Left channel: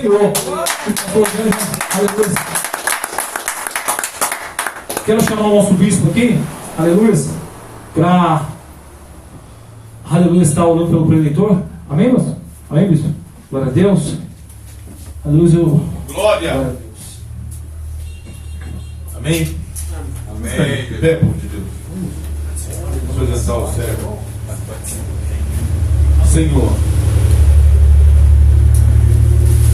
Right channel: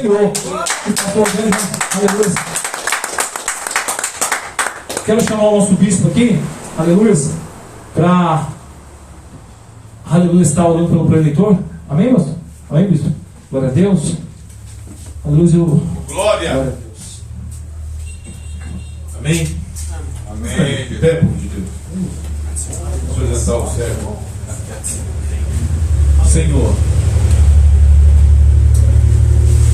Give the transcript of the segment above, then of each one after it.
Senhor. Aleluia. Quero chamar o nosso bispo aqui, aleluia, para, aleluia, estar orando pelo preletor. Amém, moço? Amém, bispo? Glória a Deus. Aleluia. Glória a Deus. Amém. Amém. Pé, povo de Deus. Vamos exaltar o servo. Senhor,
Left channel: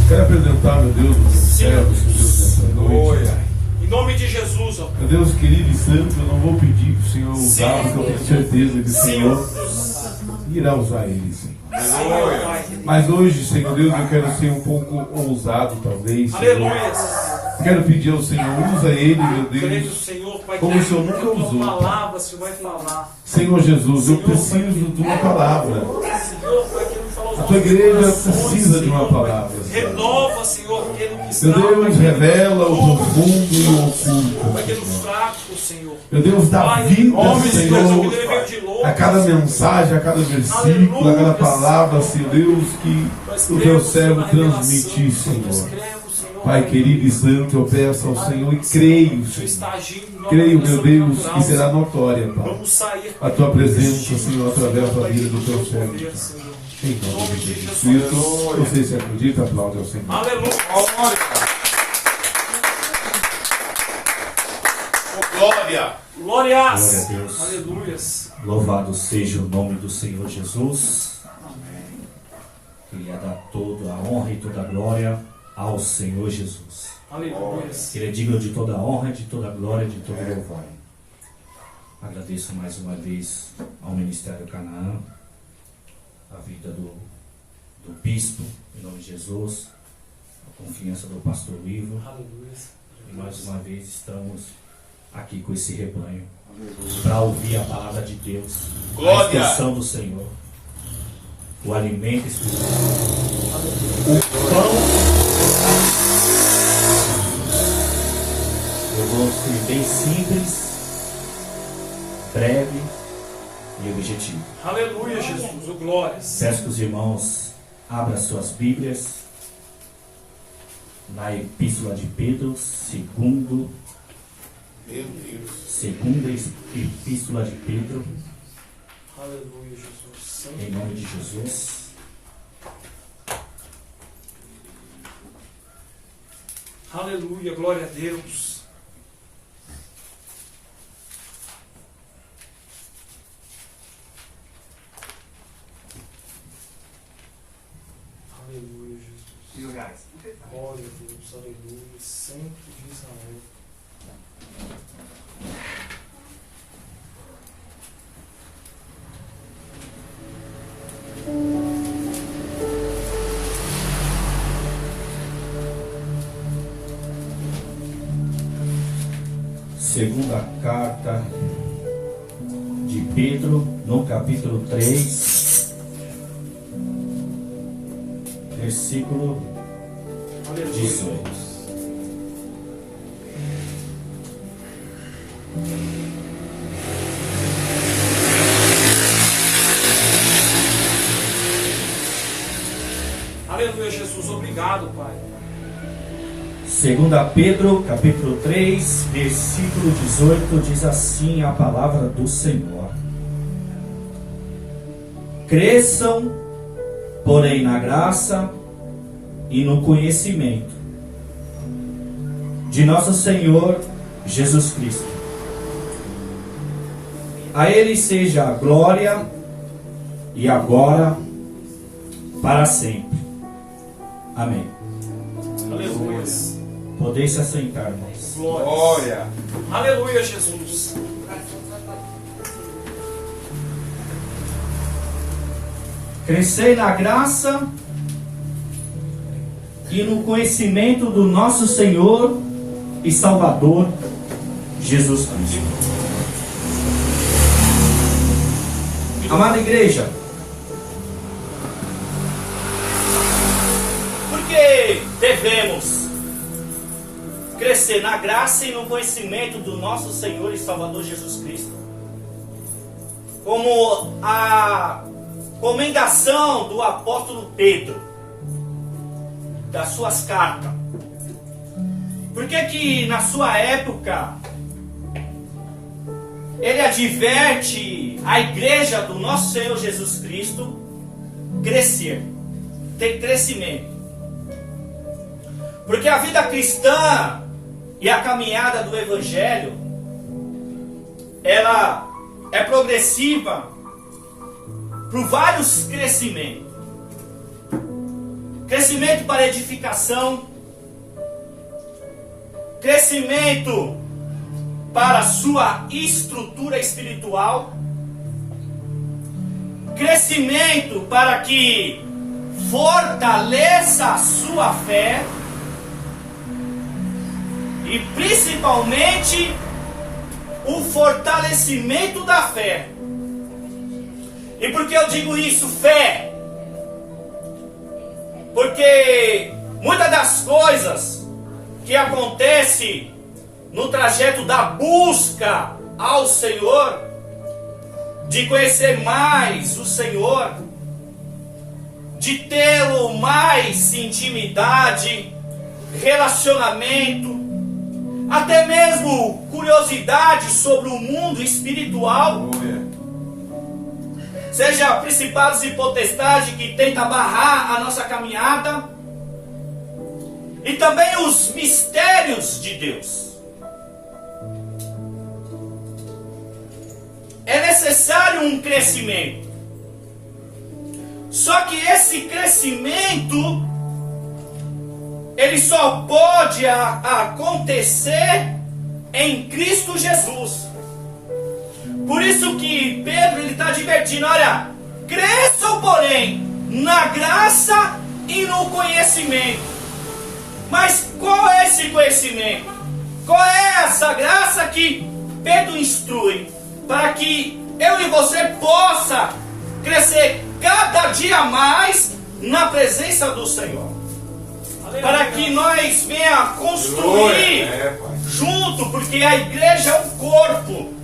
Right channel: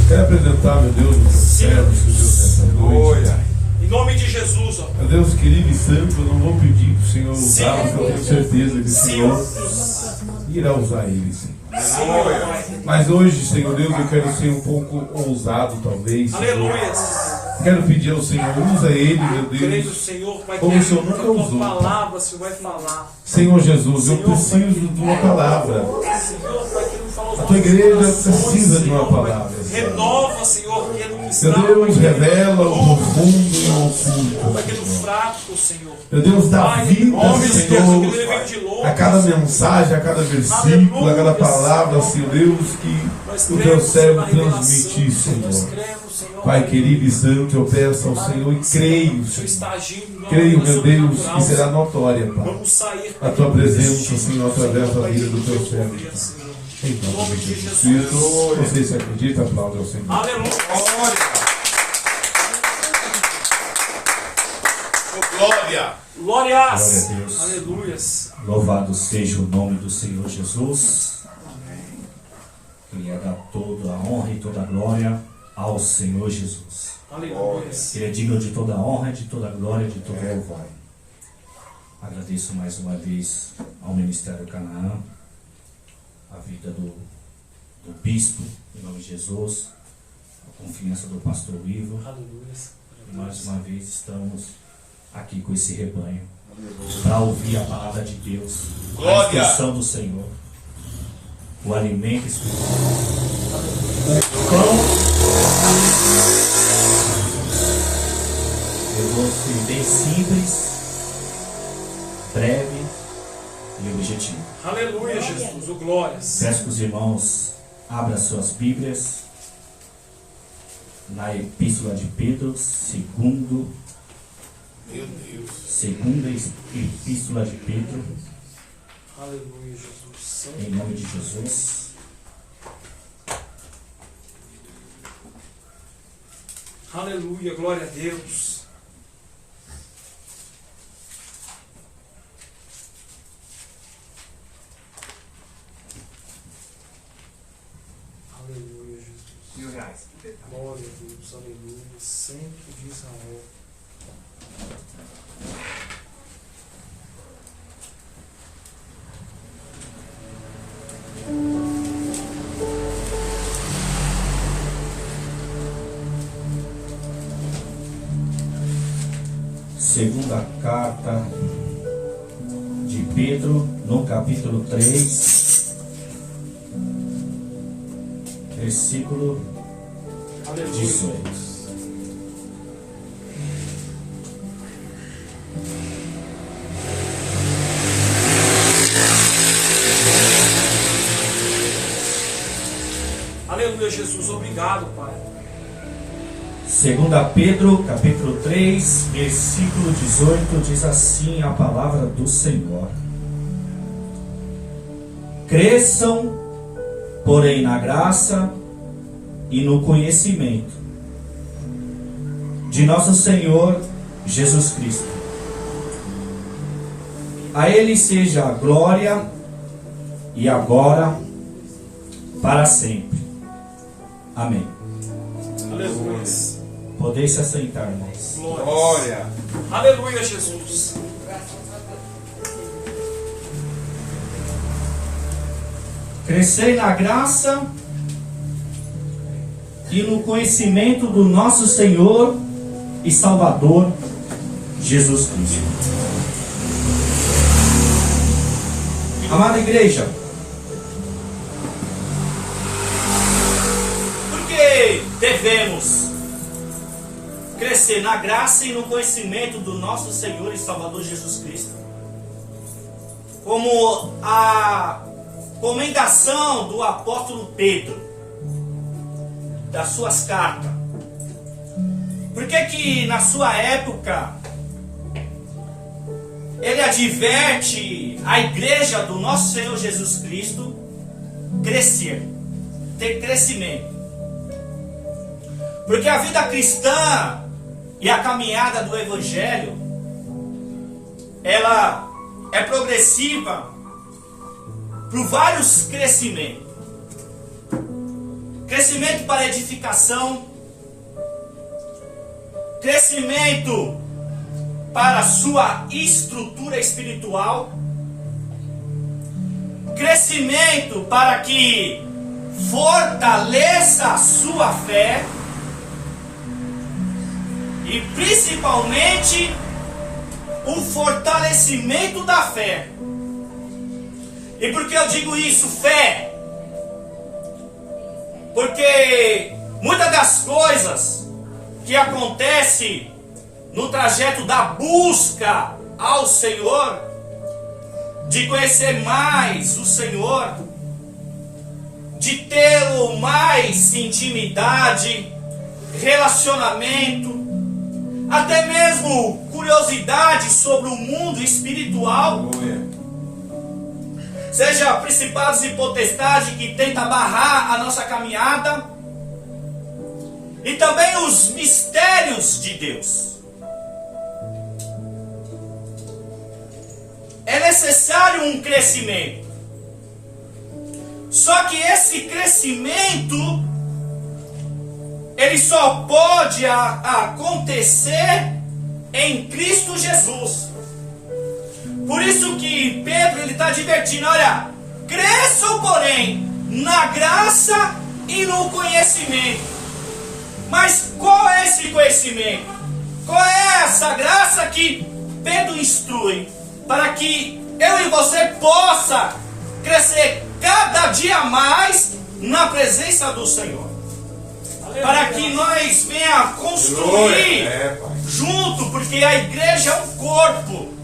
quero apresentar, meu Deus, os servos, meu Deus, nessa noite. Em nome de Jesus, ó. Meu Deus querido e santo, eu não vou pedir para o Senhor usar, porque eu tenho certeza que o Senhor irá usar ele, Senhor. Mas hoje, Senhor Deus, eu quero ser um pouco ousado, talvez. Aleluia. Quero pedir ao Senhor, usa ele, meu Deus, como o Senhor nunca usou. Palavra, você vai falar. Senhor Jesus, eu preciso de uma palavra. A tua igreja precisa de uma palavra. Renova, Senhor, aquele que está. Meu Deus, revela o profundo e o oculto. Aquele fraco, Senhor. Meu Deus, dá vida, Senhor, a cada mensagem, a cada versículo, a cada palavra, Senhor Deus, que o teu servo transmite, Senhor. Pai querido e santo, eu peço ao Senhor e creio, creio, meu Deus, que será notória, Pai, a tua presença, Senhor, através da vida do teu servo. Em nome de Jesus Cristo, você se acredita, aplaude ao Senhor. Aleluia. Glória. Glórias. Glória a Deus. Aleluias. Louvado seja o nome do Senhor Jesus. Amém. Queria dar toda a honra e toda a glória ao Senhor Jesus. Aleluias. Ele é digno de toda a honra, de toda a glória, de todo o louvor. Agradeço mais uma vez ao Ministério Canaã, a vida do bispo, em nome de Jesus, a confiança do pastor Ivo. Aleluias. E mais uma vez estamos aqui com esse rebanho para ouvir a palavra de Deus, a instrução do Senhor, o alimento espiritual, o pão. Eu vou ser bem simples, breve e objetivo. Aleluia, Jesus. O glórias. Peço que os irmãos abram suas Bíblias na Epístola de Pedro, segunda Epístola de Pedro, Aleluia, Jesus. em nome de Jesus. Aleluia, glória a Deus. Aleluia, Jesus. Glória a Deus, aleluia. Sempre de Israel. Segunda carta de Pedro, no capítulo 3, versículo 18. Aleluia, Jesus. Obrigado, Pai. Segunda Pedro, capítulo 3, versículo 18, diz assim a palavra do Senhor: cresçam, porém, na graça e no conhecimento de nosso Senhor Jesus Cristo. A Ele seja a glória e agora para sempre. Amém. Aleluia. Podeis se assentar, irmãos. Glória. Aleluia, Jesus. Crescei na graça e no conhecimento do nosso Senhor e Salvador Jesus Cristo. Amada igreja, porque devemos crescer na graça e no conhecimento do nosso Senhor e Salvador Jesus Cristo, como a recomendação do apóstolo Pedro, das suas cartas. Por que que na sua época ele adverte a igreja do nosso Senhor Jesus Cristo crescer, ter crescimento? Porque a vida cristã e a caminhada do Evangelho, ela é progressiva por vários crescimentos. Crescimento para edificação, crescimento para a sua estrutura espiritual, crescimento para que fortaleça a sua fé e principalmente o fortalecimento da fé. E por que eu digo isso, fé? Porque muitas das coisas que acontecem no trajeto da busca ao Senhor, de conhecer mais o Senhor, de tê-lo mais intimidade, relacionamento, até mesmo curiosidade sobre o mundo espiritual, seja principados e potestades que tentam barrar a nossa caminhada, e também os mistérios de Deus. É necessário um crescimento. Só que esse crescimento, ele só pode acontecer em Cristo Jesus. Por isso que Pedro está advertindo, olha, cresçam porém na graça e no conhecimento. Mas qual é esse conhecimento? Qual é essa graça que Pedro instrui? Para que eu e você possa crescer cada dia mais na presença do Senhor. Para que nós venha construir junto, porque a igreja é um corpo.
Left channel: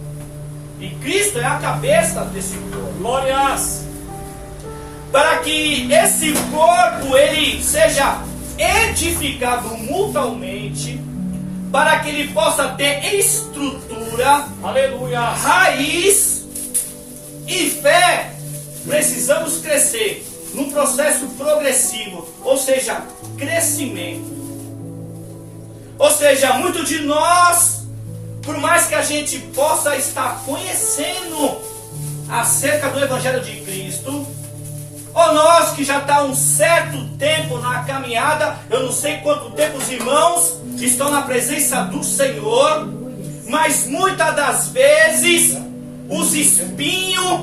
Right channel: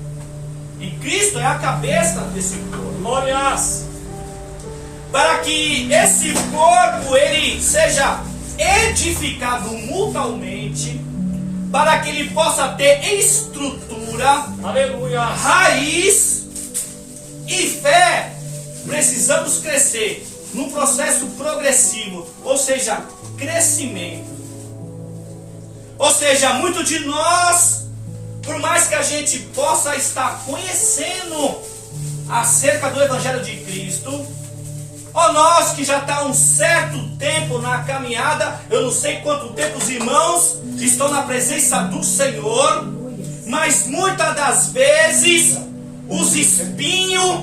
E Cristo é a cabeça desse corpo. Glórias! Para que esse corpo ele seja edificado mutuamente, para que ele possa ter estrutura, aleluia, raiz e fé, precisamos crescer num processo progressivo, ou seja, crescimento. Ou seja, muito de nós, por mais que a gente possa estar conhecendo acerca do Evangelho de Cristo, ou nós que já está um certo tempo na caminhada, eu não sei quanto tempo os irmãos estão na presença do Senhor, mas muitas das vezes os espinhos,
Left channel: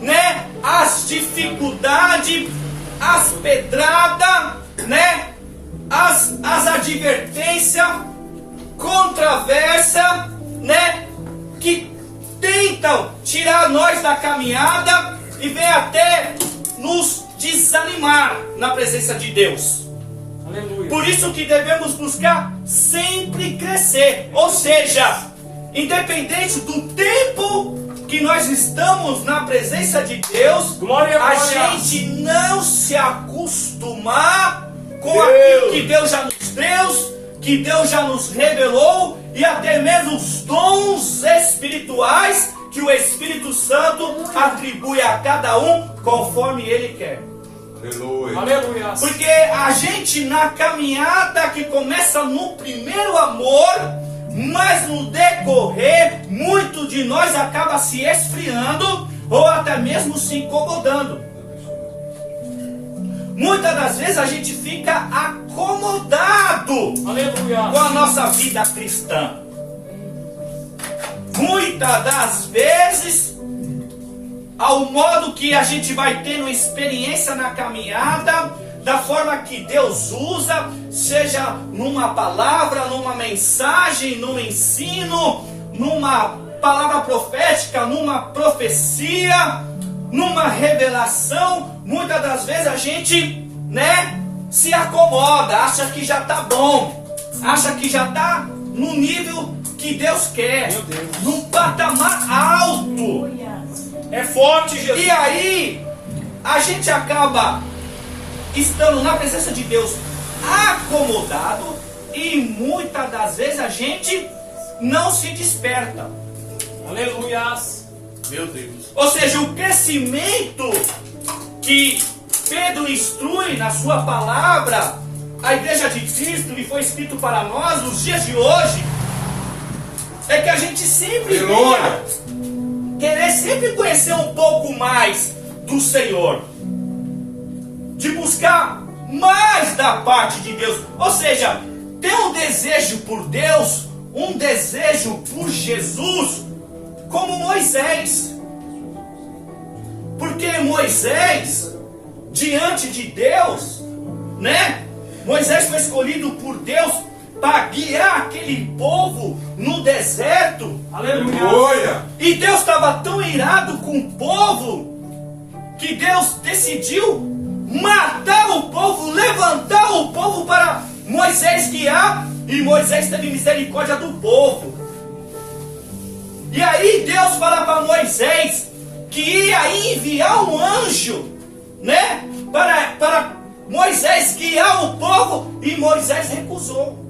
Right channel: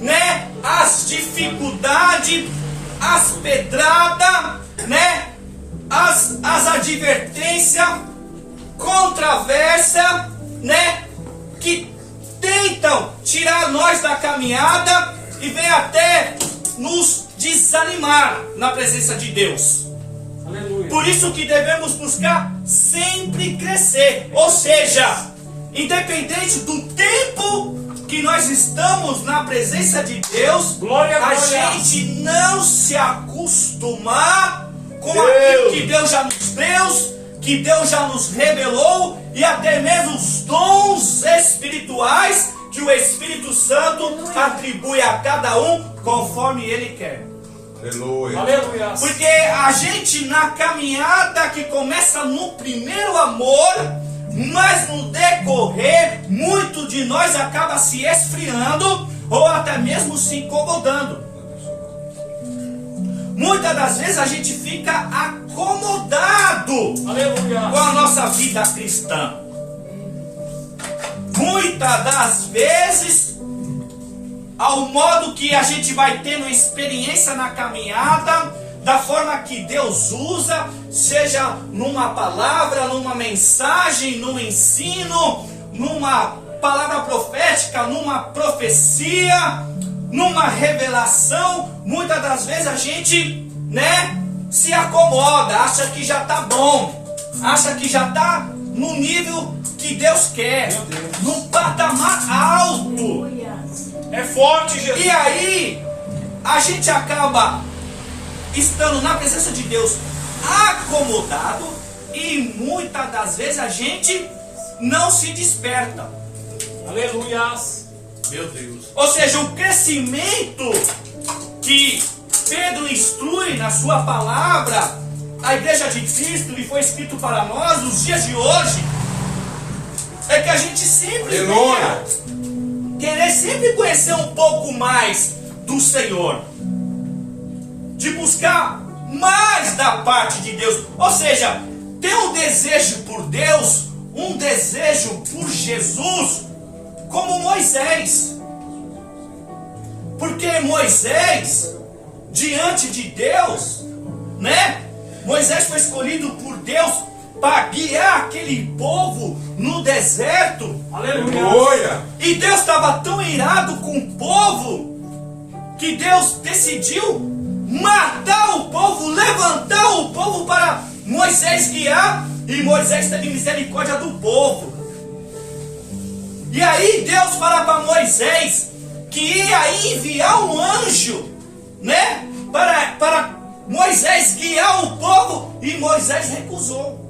né, as dificuldades, as pedradas, né, as advertências, controvérsia, né, que tentam tirar nós da caminhada e vem até nos desanimar na presença de Deus. Aleluia. Por isso que devemos buscar sempre crescer, ou seja, independente do tempo que nós estamos na presença de Deus, a gente não se acostumar com aquilo que Deus já nos deu, que Deus já nos revelou, e até mesmo os dons espirituais que o Espírito Santo atribui a cada um conforme Ele quer. Aleluia. Aleluia. Porque a gente na caminhada que começa no primeiro amor, mas no decorrer, muito de nós acaba se esfriando ou até mesmo se incomodando. Muitas das vezes a gente fica acomodado, aleluia, com a nossa vida cristã. Muitas das vezes, ao modo que a gente vai tendo experiência na caminhada, da forma que Deus usa, seja numa palavra, numa mensagem, num ensino, numa palavra profética, numa profecia, numa revelação, muitas das vezes a gente, né, se acomoda, acha que já está bom, acha que já está no nível que Deus quer, num patamar alto. É forte, Jesus. E aí, a gente acaba estando na presença de Deus acomodado e muitas das vezes a gente não se desperta. Aleluias. Meu Deus. Ou seja, o crescimento que Pedro instrui na sua palavra, a igreja de Cristo, e foi escrito para nós nos dias de hoje, é que a gente sempre venha querer sempre conhecer um pouco mais do Senhor, de buscar mais da parte de Deus, ou seja, ter um desejo por Deus, um desejo por Jesus, como Moisés. Porque Moisés, diante de Deus, né? Moisés foi escolhido por Deus para guiar aquele povo no deserto. Aleluia. E Deus estava tão irado com o povo que Deus decidiu matar o povo, levantar o povo para Moisés guiar, e Moisés teve misericórdia do povo. E aí Deus fala para Moisés que ia enviar um anjo, né, para Moisés guiar o povo, e Moisés recusou.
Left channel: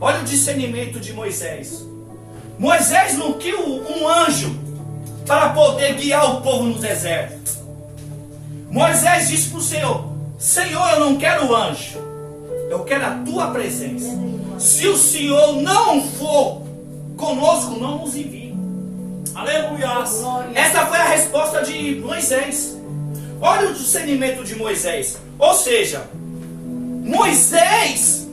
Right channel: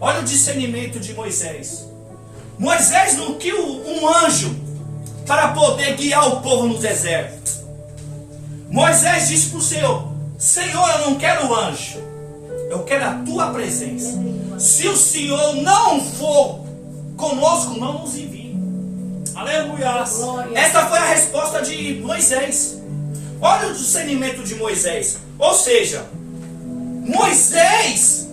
Olha o discernimento de Moisés. Moisés não quis um anjo para poder guiar o povo no deserto. Moisés disse para o Senhor: Senhor, eu não quero anjo, eu quero a tua presença. Se o Senhor não for conosco, não nos envie. Aleluia. Essa foi a resposta de Moisés. Olha o discernimento de Moisés. Ou seja, Moisés,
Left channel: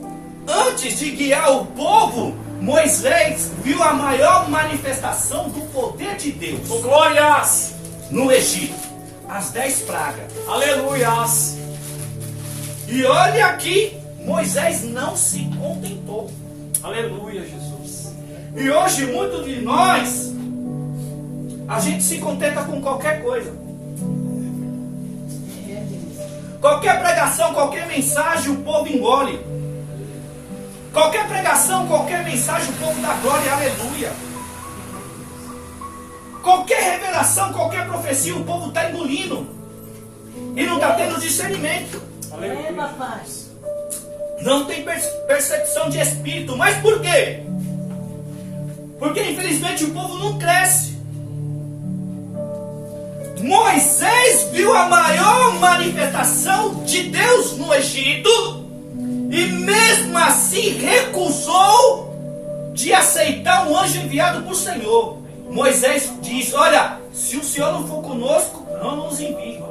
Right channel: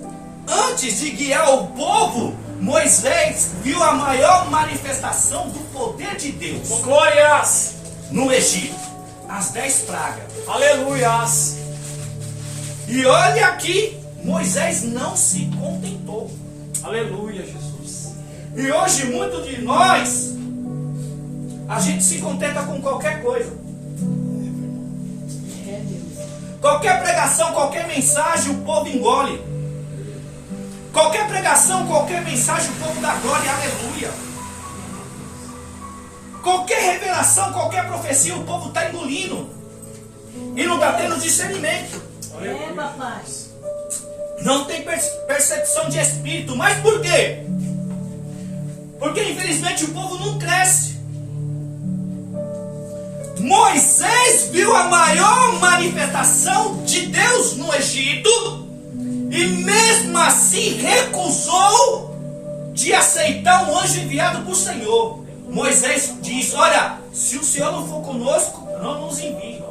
antes de guiar o povo, Moisés viu a maior manifestação do poder de Deus. Glórias. No Egito, as 10 pragas. Aleluias. E olha aqui, Moisés não se contentou. Aleluia, Jesus. E hoje, muitos de nós, a gente se contenta com qualquer coisa. Qualquer pregação, qualquer mensagem, o povo engole. Qualquer pregação, qualquer mensagem, o povo dá glória e aleluia. Qualquer revelação, qualquer profecia, o povo está engolindo. E não está tendo discernimento. Aleluia. Não tem percepção de espírito. Mas por quê? Porque infelizmente o povo não cresce. Moisés viu a maior manifestação de Deus no Egito, e mesmo assim recusou de aceitar um anjo enviado por Senhor. Moisés diz: olha, se o Senhor não for conosco, não nos envie.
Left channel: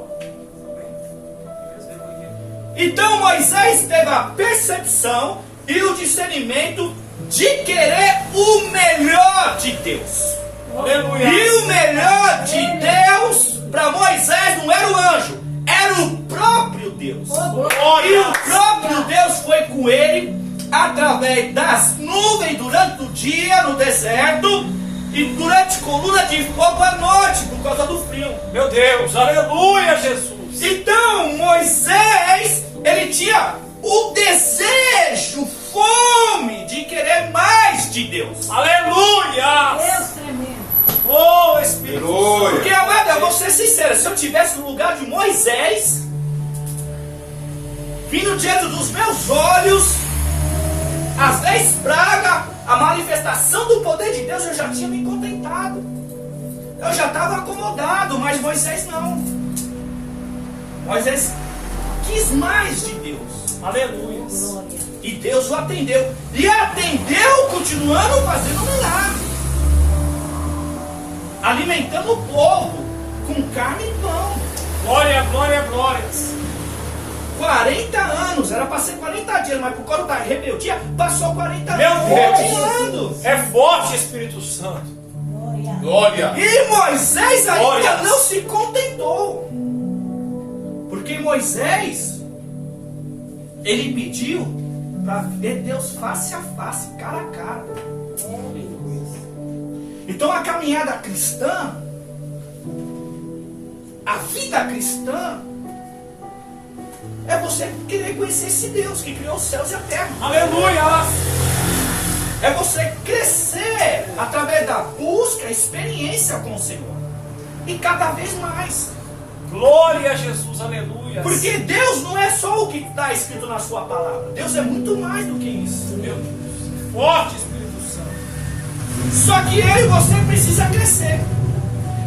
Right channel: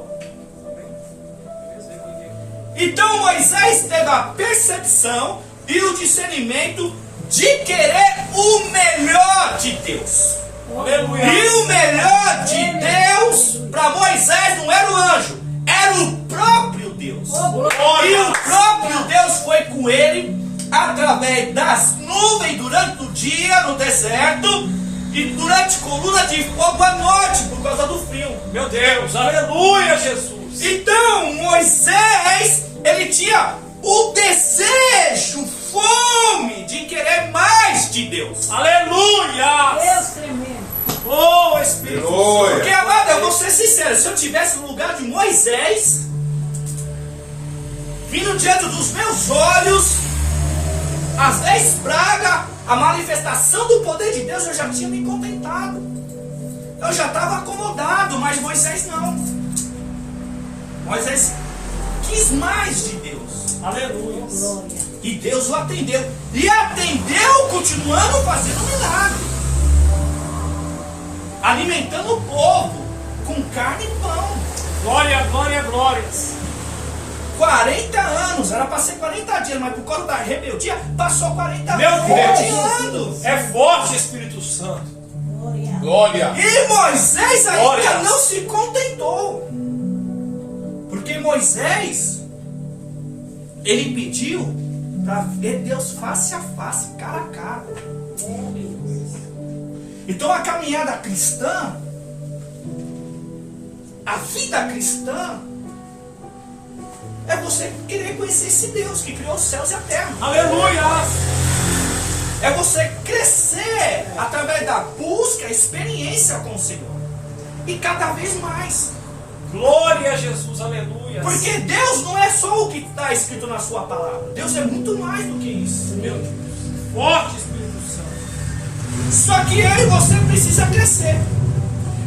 Então Moisés teve a percepção e o discernimento de querer o melhor de Deus. Aleluia. E o melhor de Deus para Moisés não era o anjo, era o próprio Deus. E o próprio Deus foi com ele através das nuvens durante o dia no deserto e durante coluna de fogo à noite por causa do frio. Meu Deus. Aleluia, Jesus. Então Moisés, ele tinha o desejo, fome de querer mais de Deus. Aleluia. Deus tremendo. Oh, Espírito. Aleluia. Porque, amado, eu vou ser sincero, se eu tivesse no lugar de Moisés, vindo diante dos meus olhos as 10 pragas, a manifestação do poder de Deus, eu já tinha me contentado. Eu já estava acomodado, mas Moisés não. Moisés quis mais de Deus. Aleluia. Glória. E Deus o atendeu. E atendeu continuando fazendo milagre. Alimentando o povo com carne e pão. Glória, glória, glórias. 40 anos, era para ser 40 dias, mas por causa da rebeldia, passou 40 Meu anos Deus. rodeando. É forte, Espírito Santo. Glória. Glória. E Moisés ainda Glória. não se contentou. Porque Moisés, ele pediu para ver Deus face a face, cara a cara. Então a caminhada cristã, a vida cristã, é você querer conhecer esse Deus que criou os céus e a terra. Aleluia. É você crescer através da busca, experiência com o Senhor. E cada vez mais. Glória a Jesus, aleluia. Porque Deus não é só o que está escrito na sua palavra. Deus é muito mais do que isso. Meu Deus. Forte Espírito Santo. Só que eu e você precisa crescer.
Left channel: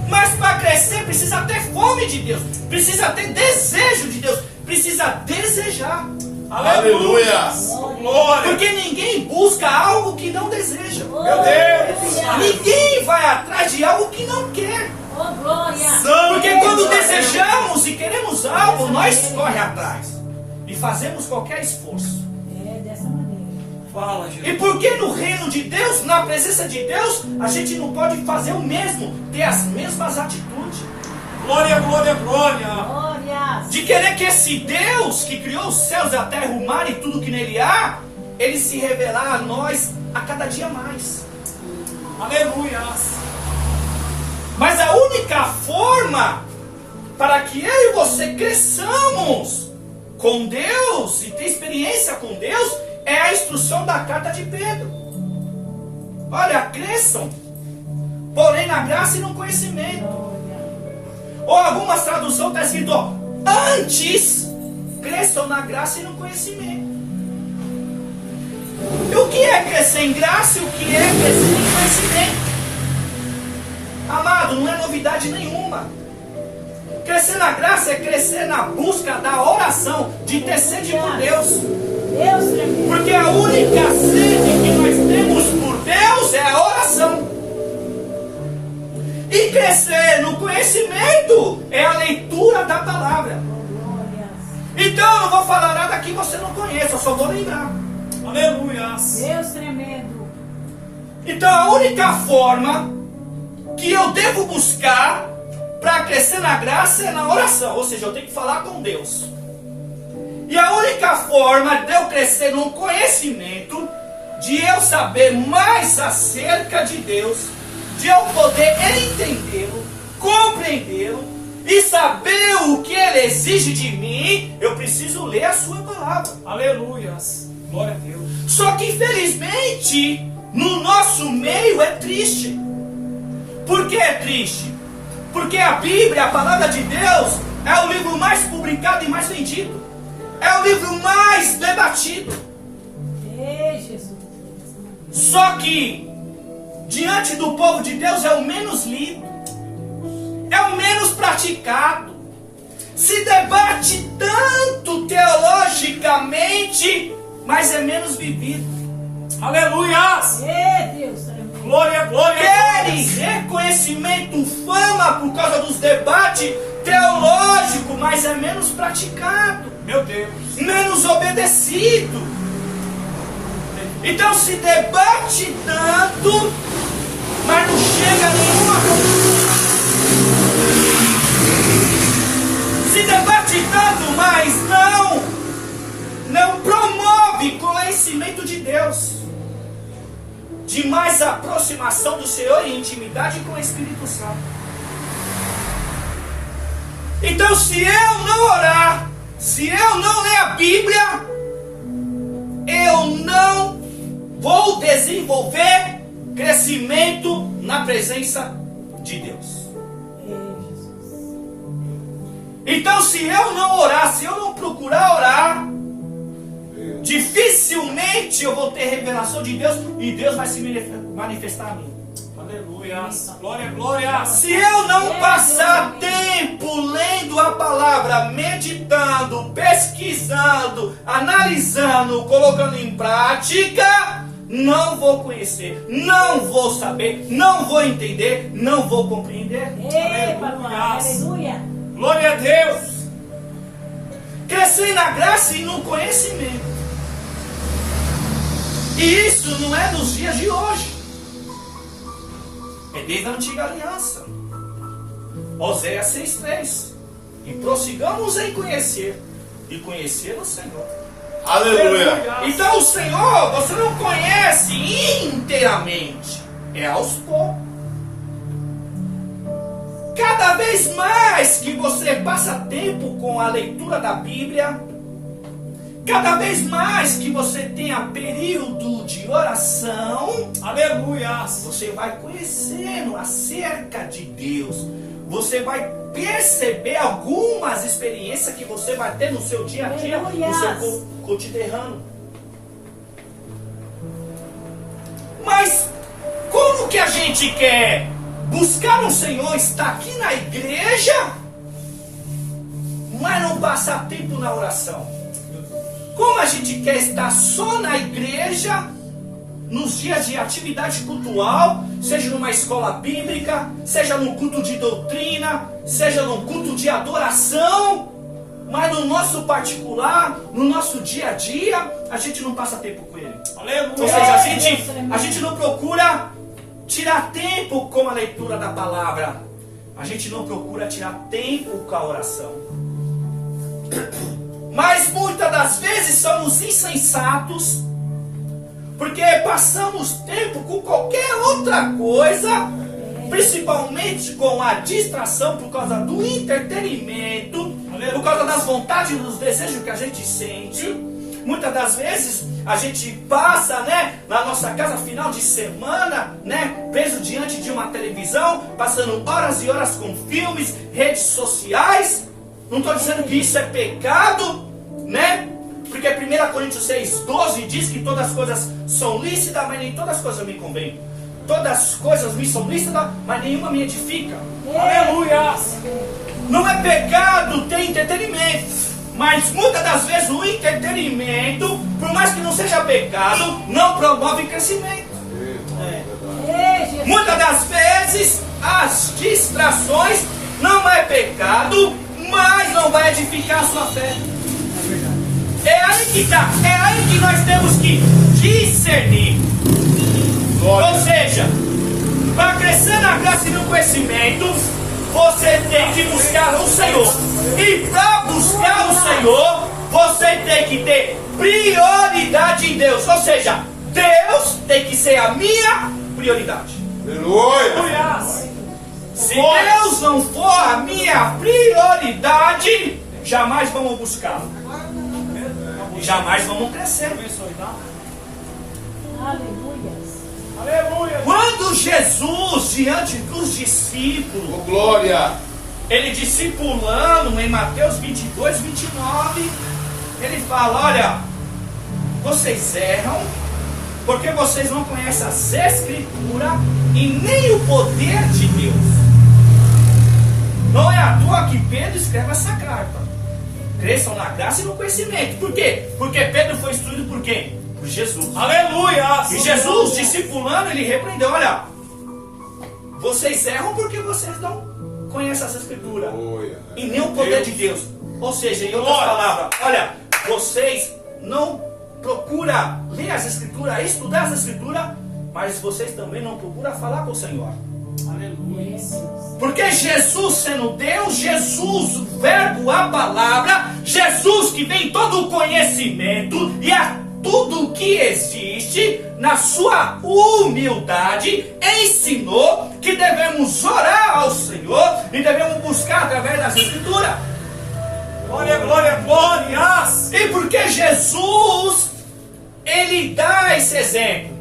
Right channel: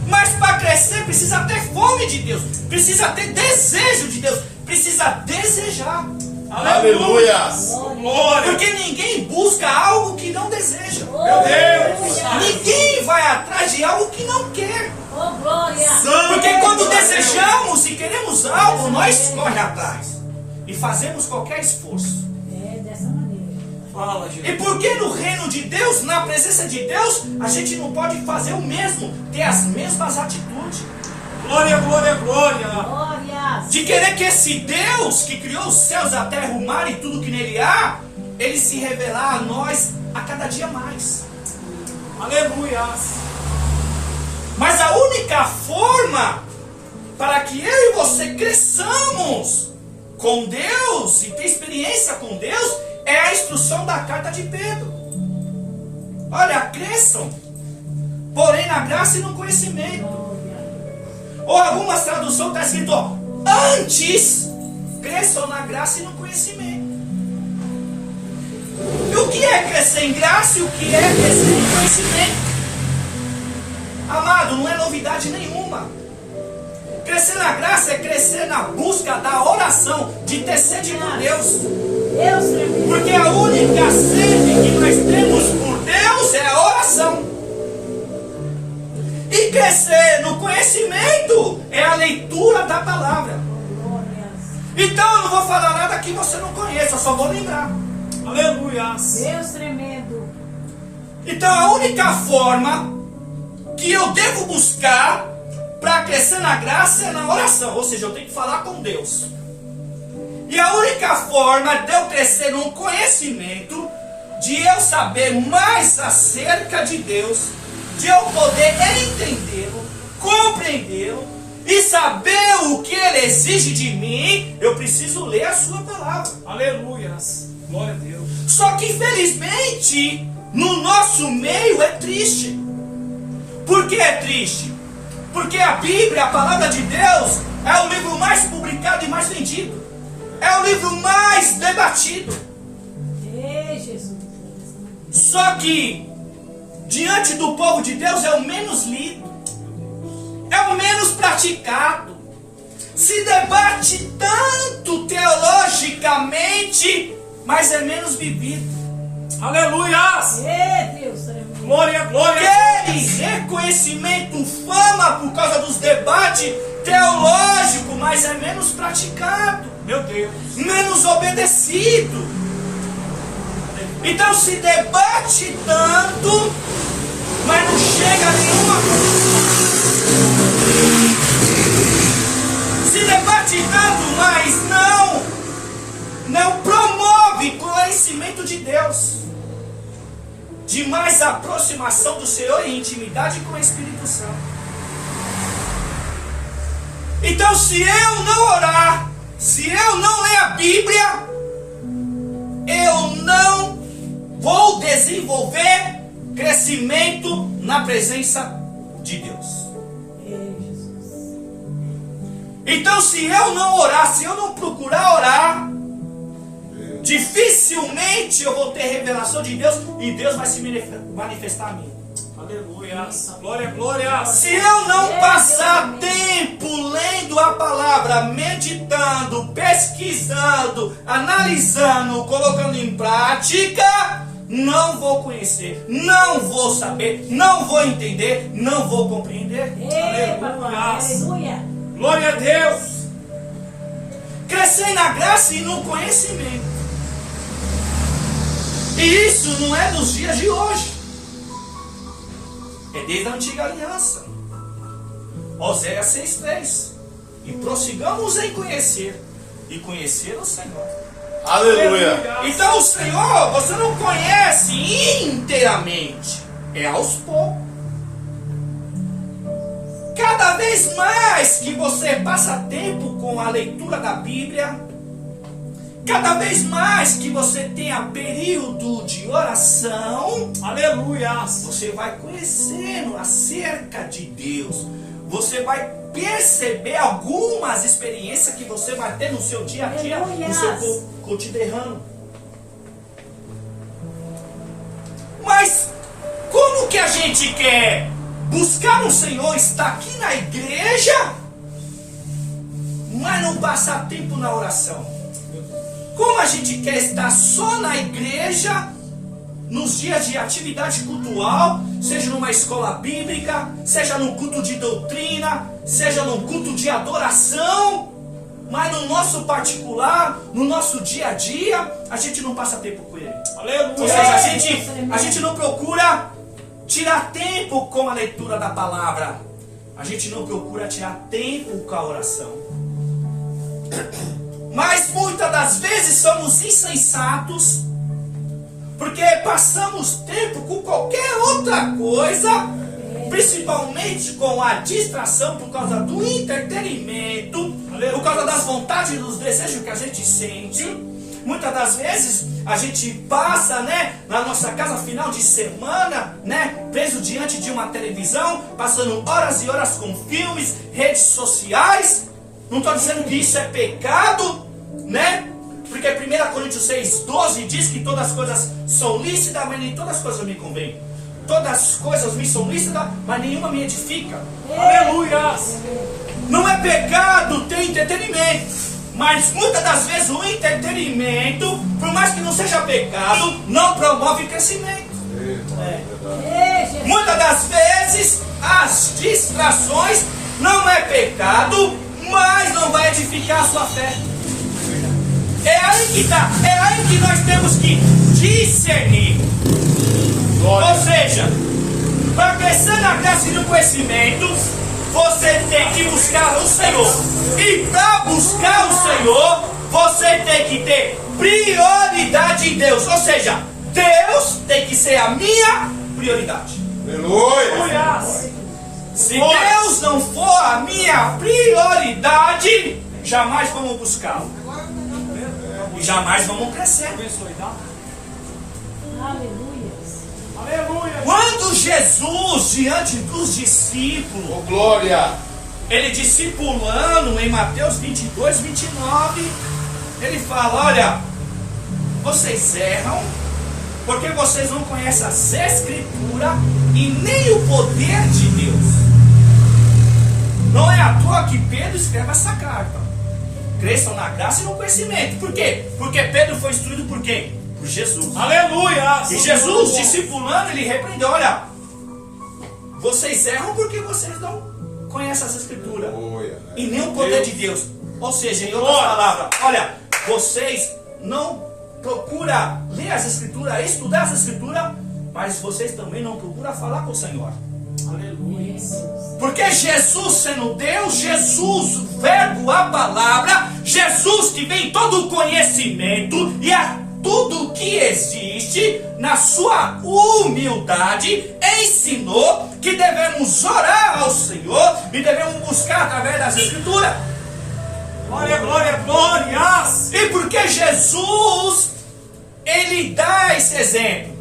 Mas para crescer precisa ter fome de Deus. Precisa ter desejo de Deus. Precisa desejar. Aleluia. Glória. Porque ninguém busca algo que não deseja. Meu Deus. Ninguém vai atrás de algo que não quer. Oh, glória! Porque quando desejamos e queremos algo, nós corremos atrás. E fazemos qualquer esforço. É dessa maneira. Fala, Jesus. E porque no reino de Deus, na presença de Deus, a gente não pode fazer o mesmo, ter as mesmas atitudes. Glória, glória, glória. Glória! De querer que esse Deus que criou os céus, a terra, o mar e tudo que nele há, ele se revelar a nós a cada dia mais. Aleluia. Mas a única forma para que eu e você cresçamos com Deus e ter experiência com Deus é a instrução da carta de Pedro. Olha, cresçam, porém na graça e no conhecimento. Ou algumas traduções está escrito, ó, antes cresçam na graça e no conhecimento. E o que é crescer em graça e o que é crescer em conhecimento? Amado, não é novidade nenhuma. Crescer na graça é crescer na busca da oração, de ter sede por Deus. Deus tremendo. Porque a única sede que nós temos por Deus é a oração. E crescer no conhecimento é a leitura da palavra. Então eu não vou falar nada que você não conheça, eu só vou lembrar. Aleluia. Deus tremendo. Então a única forma que eu devo buscar para crescer na graça é na oração, ou seja, eu tenho que falar com Deus. E a única forma de eu crescer no conhecimento, de eu saber mais acerca de Deus, de eu poder entendê-lo, compreendê-lo e saber o que ele exige de mim, eu preciso ler a sua palavra. Aleluia. Glória a Deus. Só que infelizmente no nosso meio é triste. Por que é triste? Porque a Bíblia, a palavra de Deus, é o livro mais publicado e mais vendido. É o livro mais debatido. Ei, Jesus. Só que, diante do povo de Deus, é o menos lido. É o menos praticado. Se debate tanto teologicamente, mas é menos vivido. Aleluia. Ei, Deus tremendo. Glória, glória. Querem reconhecimento, fama por causa dos debates teológicos, mas é menos praticado, Meu Deus. menos obedecido. Então se debate tanto, mas não chega a nenhuma conclusão. Se debate tanto, mas não promove conhecimento de Deus, de mais aproximação do Senhor e intimidade com o Espírito Santo. Então, se eu não orar, se eu não ler a Bíblia, eu não vou desenvolver crescimento na presença de Deus. Ei, Jesus. Então, se eu não orar, se eu não procurar orar, dificilmente eu vou ter revelação de Deus e Deus vai se manifestar a mim. Aleluia. Glória, glória. Se eu não passar tempo lendo a palavra, meditando, pesquisando, analisando, colocando em prática, não vou conhecer, não vou saber, não vou entender, não vou compreender. Ei, papai. Aleluia. Glória a Deus. Crescer na graça e no conhecimento. E isso não é dos dias de hoje. É desde a antiga aliança. Oséias 6:3. E prossigamos em conhecer. E conhecer o Senhor. Aleluia. Então o Senhor, você não conhece inteiramente. É aos poucos. Cada vez mais que você passa tempo com a leitura da Bíblia, cada vez mais que você tenha período de oração, Aleluia. você vai conhecendo acerca de Deus. Você vai perceber algumas experiências que você vai ter no seu dia a dia, no seu cotidiano. Mas como que a gente quer buscar o Senhor, estar aqui na igreja, mas não passar tempo na oração? Como a gente quer estar só na igreja, nos dias de atividade cultural, seja numa escola bíblica, seja num culto de doutrina, seja num culto de adoração, mas no nosso particular, no nosso dia a dia, a gente não passa tempo com Ele. Aleluia. Ou seja, a gente não procura tirar tempo com a leitura da palavra, a gente não procura tirar tempo com a oração. Mas muitas das vezes somos insensatos, porque passamos tempo com qualquer outra coisa, principalmente com a distração por causa do entretenimento, por causa das vontades e dos desejos que a gente sente. Muitas das vezes a gente passa, na nossa casa final de semana, preso diante de uma televisão, passando horas e horas com filmes, redes sociais. Não estou dizendo que isso é pecado, porque 1 Coríntios 6,12 diz que todas as coisas são lícitas, mas nem todas as coisas me convêm. Todas as coisas me são lícitas, mas nenhuma me edifica. Aleluia. Não é pecado ter entretenimento, mas muitas das vezes o entretenimento, por mais que não seja pecado, não promove crescimento. Muitas das vezes as distrações não é pecado, mas não vai edificar a sua fé. É aí que está, é aí que nós temos que discernir. Ou seja, para crescer na graça e no conhecimento, você tem que buscar o Senhor. E para buscar o Senhor, você tem que ter prioridade em Deus. Ou seja, Deus tem que ser a minha prioridade. Aleluia. Se Deus não for a minha prioridade, jamais vamos buscá-lo. E jamais vamos crescer. Aleluia. Quando Jesus, diante dos discípulos, Glória. ele discipulando em Mateus 22, 29, ele fala: olha, vocês erram porque vocês não conhecem as Escrituras e nem o poder de Deus. Não é à toa que Pedro escreve essa carta. Cresçam na graça e no conhecimento. Por quê? Porque Pedro foi instruído por quem? Por Jesus. Aleluia. E Jesus, discipulando, ele repreendeu: olha, vocês erram porque vocês não conhecem as Escrituras e nem o poder de Deus. Ou seja, em outras palavras, olha, vocês não procuram ler as Escrituras, estudar as Escrituras, mas vocês também não procuram falar com o Senhor. Aleluia. Porque Jesus sendo Deus, Jesus, o verbo, a palavra, Jesus que vem todo o conhecimento e a tudo que existe, na sua humildade, ensinou que devemos orar ao Senhor e devemos buscar através das Escrituras. Glória, glória, glórias. E porque Jesus, ele dá esse exemplo.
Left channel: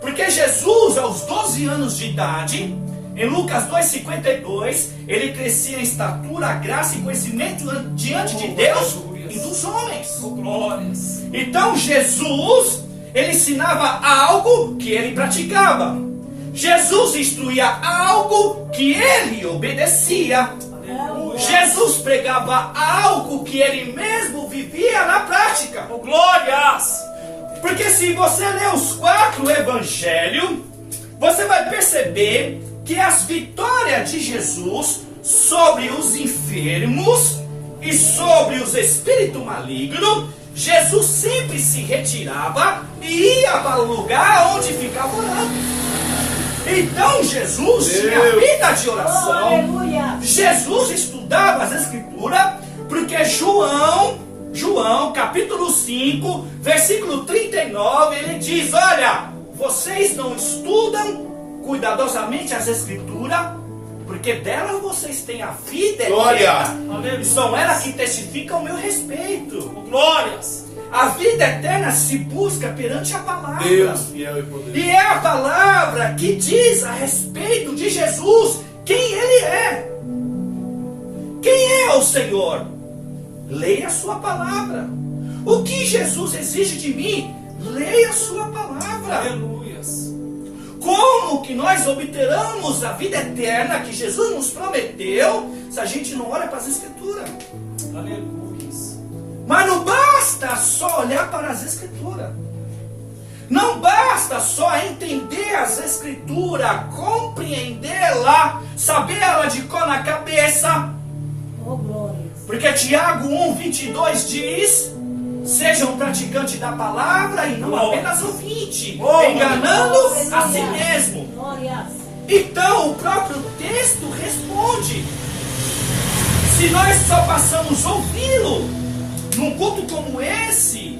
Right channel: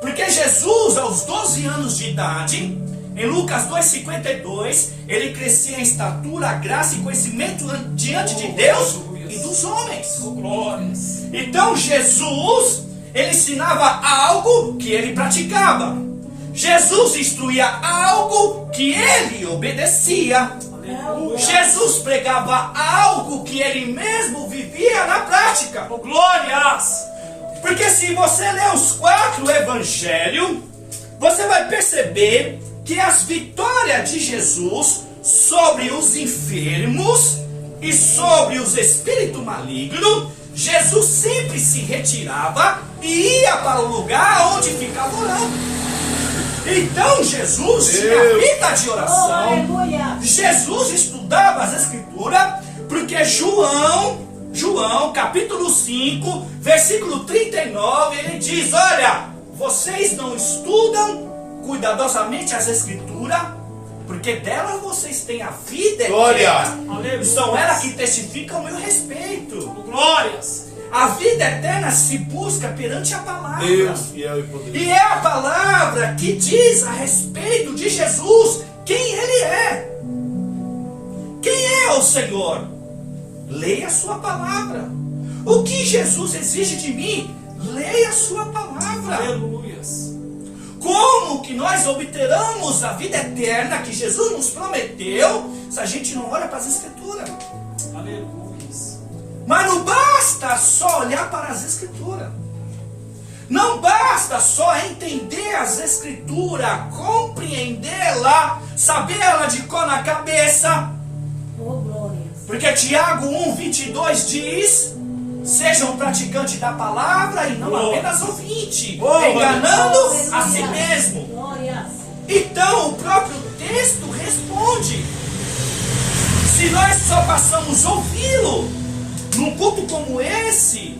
Porque Jesus, aos 12 anos de idade, em Lucas 2,52, ele crescia em estatura, graça e conhecimento diante de Deus e dos homens. Glórias. Então Jesus, ele ensinava algo que ele praticava. Jesus instruía algo que ele obedecia. Jesus pregava algo que ele mesmo vivia na prática. Oh, glórias. Porque se você ler os 4 evangelhos, você vai perceber que as vitórias de Jesus sobre os enfermos e sobre os espíritos malignos, Jesus sempre se retirava e ia para o lugar onde ficava orando. Então Jesus tinha vida de oração. Aleluia. Jesus estudava as Escrituras, porque João capítulo 5, versículo 39, ele diz: olha, vocês não estudam cuidadosamente as Escrituras, porque delas vocês têm a vida eterna. São elas que testificam o meu respeito. Glórias. A vida eterna se busca perante a palavra. fiel e poderoso. E é a palavra que diz a respeito de Jesus quem ele é. ao Senhor? Leia a sua palavra. O que Jesus exige de mim? Leia a sua palavra. Aleluias. Como que nós obteremos a vida eterna que Jesus nos prometeu se a gente não olha para as Escrituras? Aleluias. Mas não basta só olhar para as Escrituras. Não basta só entender as Escrituras, compreendê-la, sabê-la de cor na cabeça. Oh, glória. Porque Tiago 1:22 diz: sejam praticantes da palavra e não apenas ouvintes, enganando a si mesmo. Glória. Então o próprio texto responde. Se nós só passamos a ouvi-lo num culto como esse,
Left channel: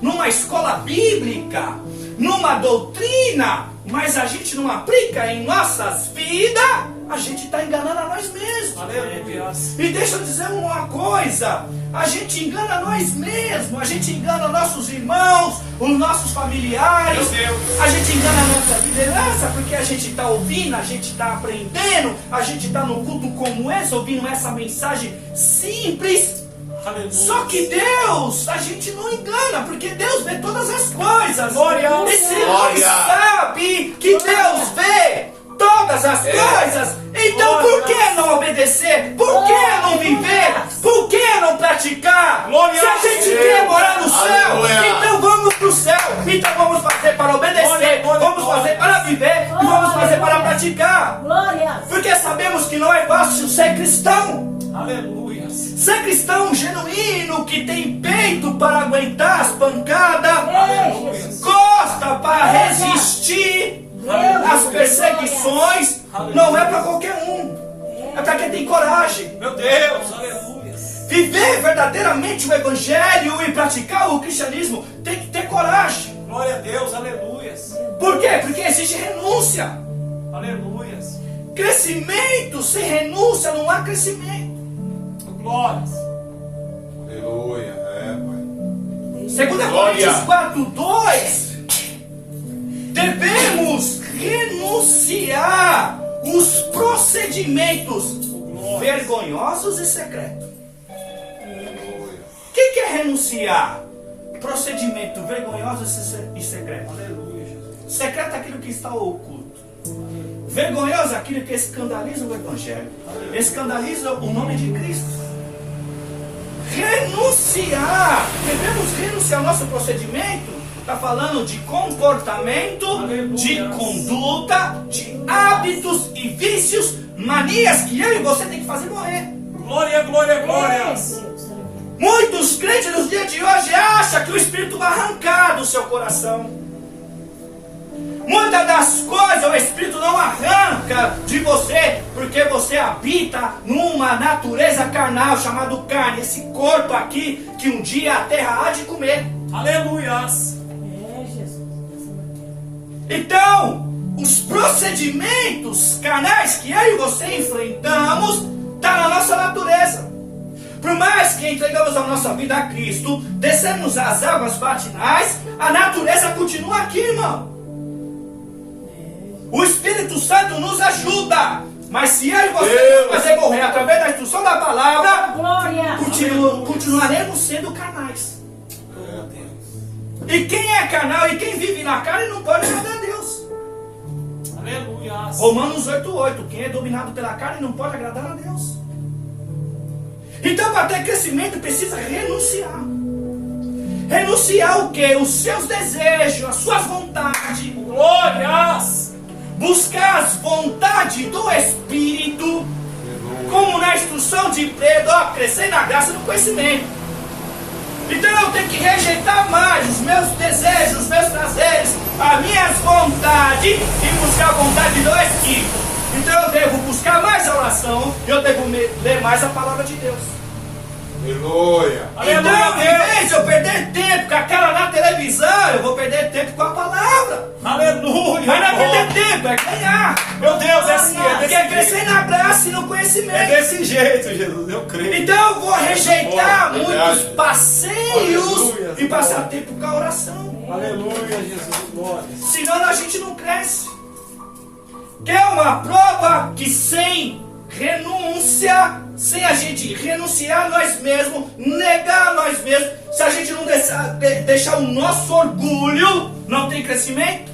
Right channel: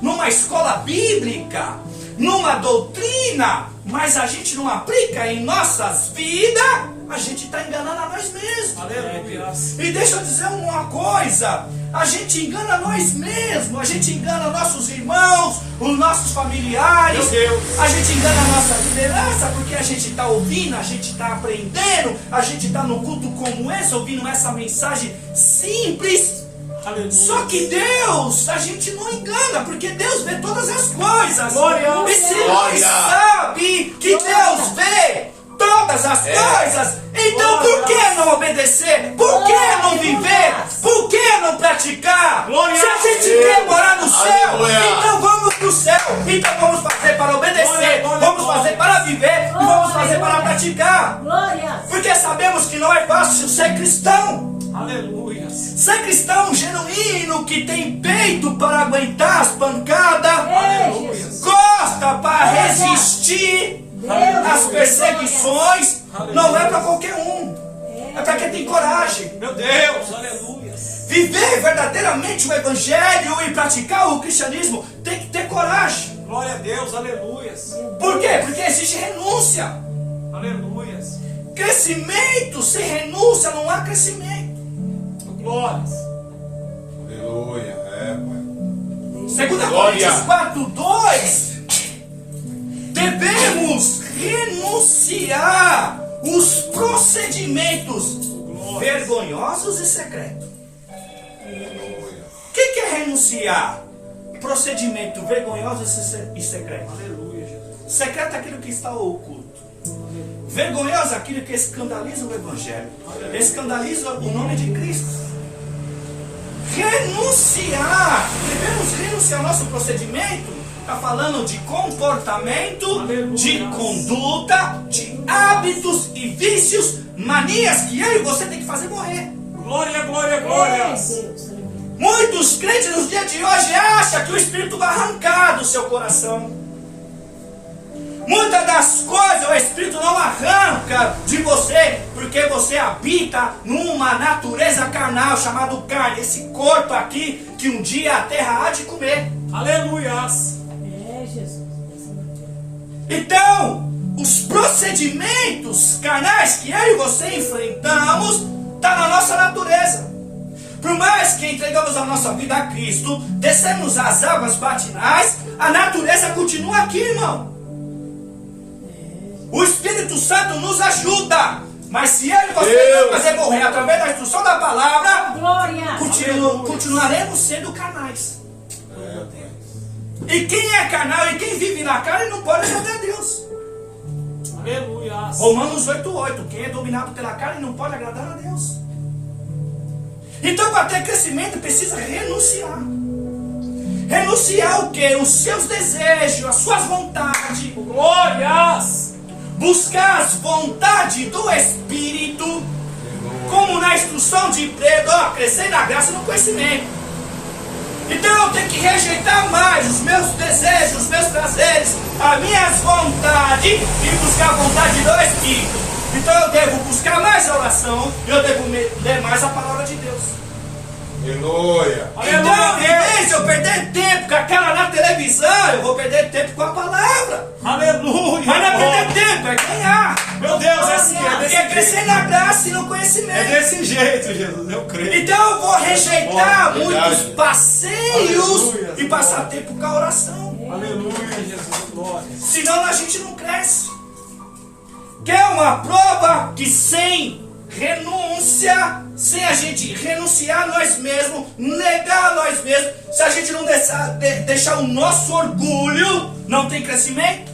numa escola bíblica, numa doutrina, mas a gente não aplica em nossas vidas, a gente está enganando a nós mesmos. Aleluias. E deixa eu dizer uma coisa: a gente engana nós mesmos, a gente engana nossos irmãos, os nossos familiares, Meu Deus. a gente engana a nossa liderança, porque a gente está ouvindo, a gente está aprendendo, a gente está no culto como esse, ouvindo essa mensagem simples. Aleluia. Só que Deus, a gente não engana, porque Deus vê todas as coisas. Glória. E se nós sabe que Deus vê todas as coisas, então por que não obedecer? Por que não viver? Por que não praticar? Glória. Se a gente quer morar no céu, Aleluia. então vamos para o céu. Então vamos fazer para obedecer, Glória. vamos fazer para viver e vamos fazer para praticar. Glória. Porque sabemos que não é fácil ser cristão. Aleluias. Ser cristão genuíno que tem peito para aguentar as pancadas, Aleluia. gosta para resistir às perseguições, não é para qualquer um, é para quem tem coragem. Meu Deus. Aleluias. Viver verdadeiramente o evangelho e praticar o cristianismo tem que ter coragem. Glória a Deus. Aleluias. Por quê? Porque exige renúncia. Aleluias. Crescimento sem renúncia não há crescimento. Glórias. Aleluia. É, pai. 2 Coríntios 4:2, devemos renunciar os procedimentos vergonhosos e secretos. O que é renunciar? Procedimento vergonhoso e secreto. Aleluia, Jesus. Secreto é aquilo que está oculto. Vergonhoso é aquilo que escandaliza o Evangelho, escandaliza o nome de Cristo. Renunciar, devemos renunciar ao nosso procedimento. Está falando de comportamento, Aleluia. de conduta, de hábitos e vícios, manias que eu e você tem que fazer morrer. Glória, glória, glórias. Muitos crentes nos dias de hoje acham que o Espírito vai arrancar do seu coração. Muitas das coisas o Espírito não arranca de você, porque você habita numa natureza carnal chamada carne, esse corpo aqui que um dia a terra há de comer. Aleluias. É, Jesus. Então, os procedimentos carnais que eu e você enfrentamos está na nossa natureza. Por mais que entregamos a nossa vida a Cristo, descemos as águas batinais, a natureza continua aqui, irmão. O Espírito Santo nos ajuda. Mas se eu e você não fazer morrer através da instrução da palavra, Glória. continuaremos sendo carnais. E quem é carnal e quem vive na carne não pode agradar a Deus. Aleluias. Romanos 8:8. Quem é dominado pela carne não pode agradar a Deus. Então, para ter crescimento, precisa renunciar. Renunciar o quê? Os seus desejos, as suas vontades. Glórias. Buscar as vontades do Espírito, como na instrução de Pedro, crescer na graça e no conhecimento. Então eu tenho que rejeitar mais os meus desejos, os meus prazeres, as minhas vontades e buscar a vontade do Espírito. Então eu devo buscar mais a oração, eu devo ler mais a palavra de Deus. Aleluia. Então, em vez de eu perder tempo com aquela na televisão, eu vou perder tempo com a palavra. Aleluia. Mas não é perder tempo, é ganhar. Meu Deus, é assim. Porque é crescer na graça e no conhecimento. É desse jeito, Jesus. Eu creio. Então eu vou rejeitar Verdade. muitos passeios Aleluia. e passar tempo com a oração. Aleluia, Jesus. Glória. Senão a gente não cresce. Que é uma prova que sem renúncia, sem a gente renunciar a nós mesmos, negar a nós mesmos, se a gente não deixar o nosso orgulho, não tem crescimento.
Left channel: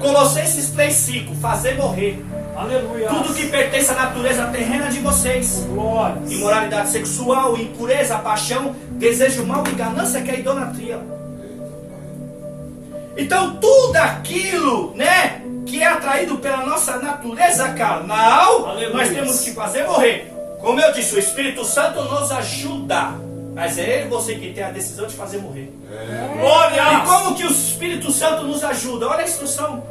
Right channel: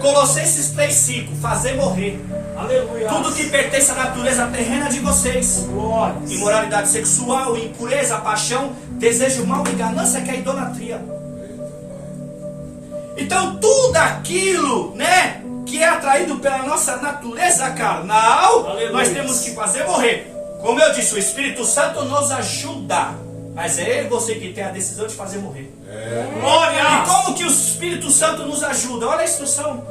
Colossenses 3,5, fazer morrer. Aleluia. Tudo que pertence à natureza terrena de vocês. Glória. Imoralidade sexual, impureza, paixão, desejo mal e ganância, que é a idolatria. Então tudo aquilo, né, que é atraído pela nossa natureza carnal, Aleluia. nós temos que fazer morrer. Como eu disse, o Espírito Santo nos ajuda, mas é ele você que tem a decisão de fazer morrer. Glória. E como que o Espírito Santo nos ajuda? Olha a instrução.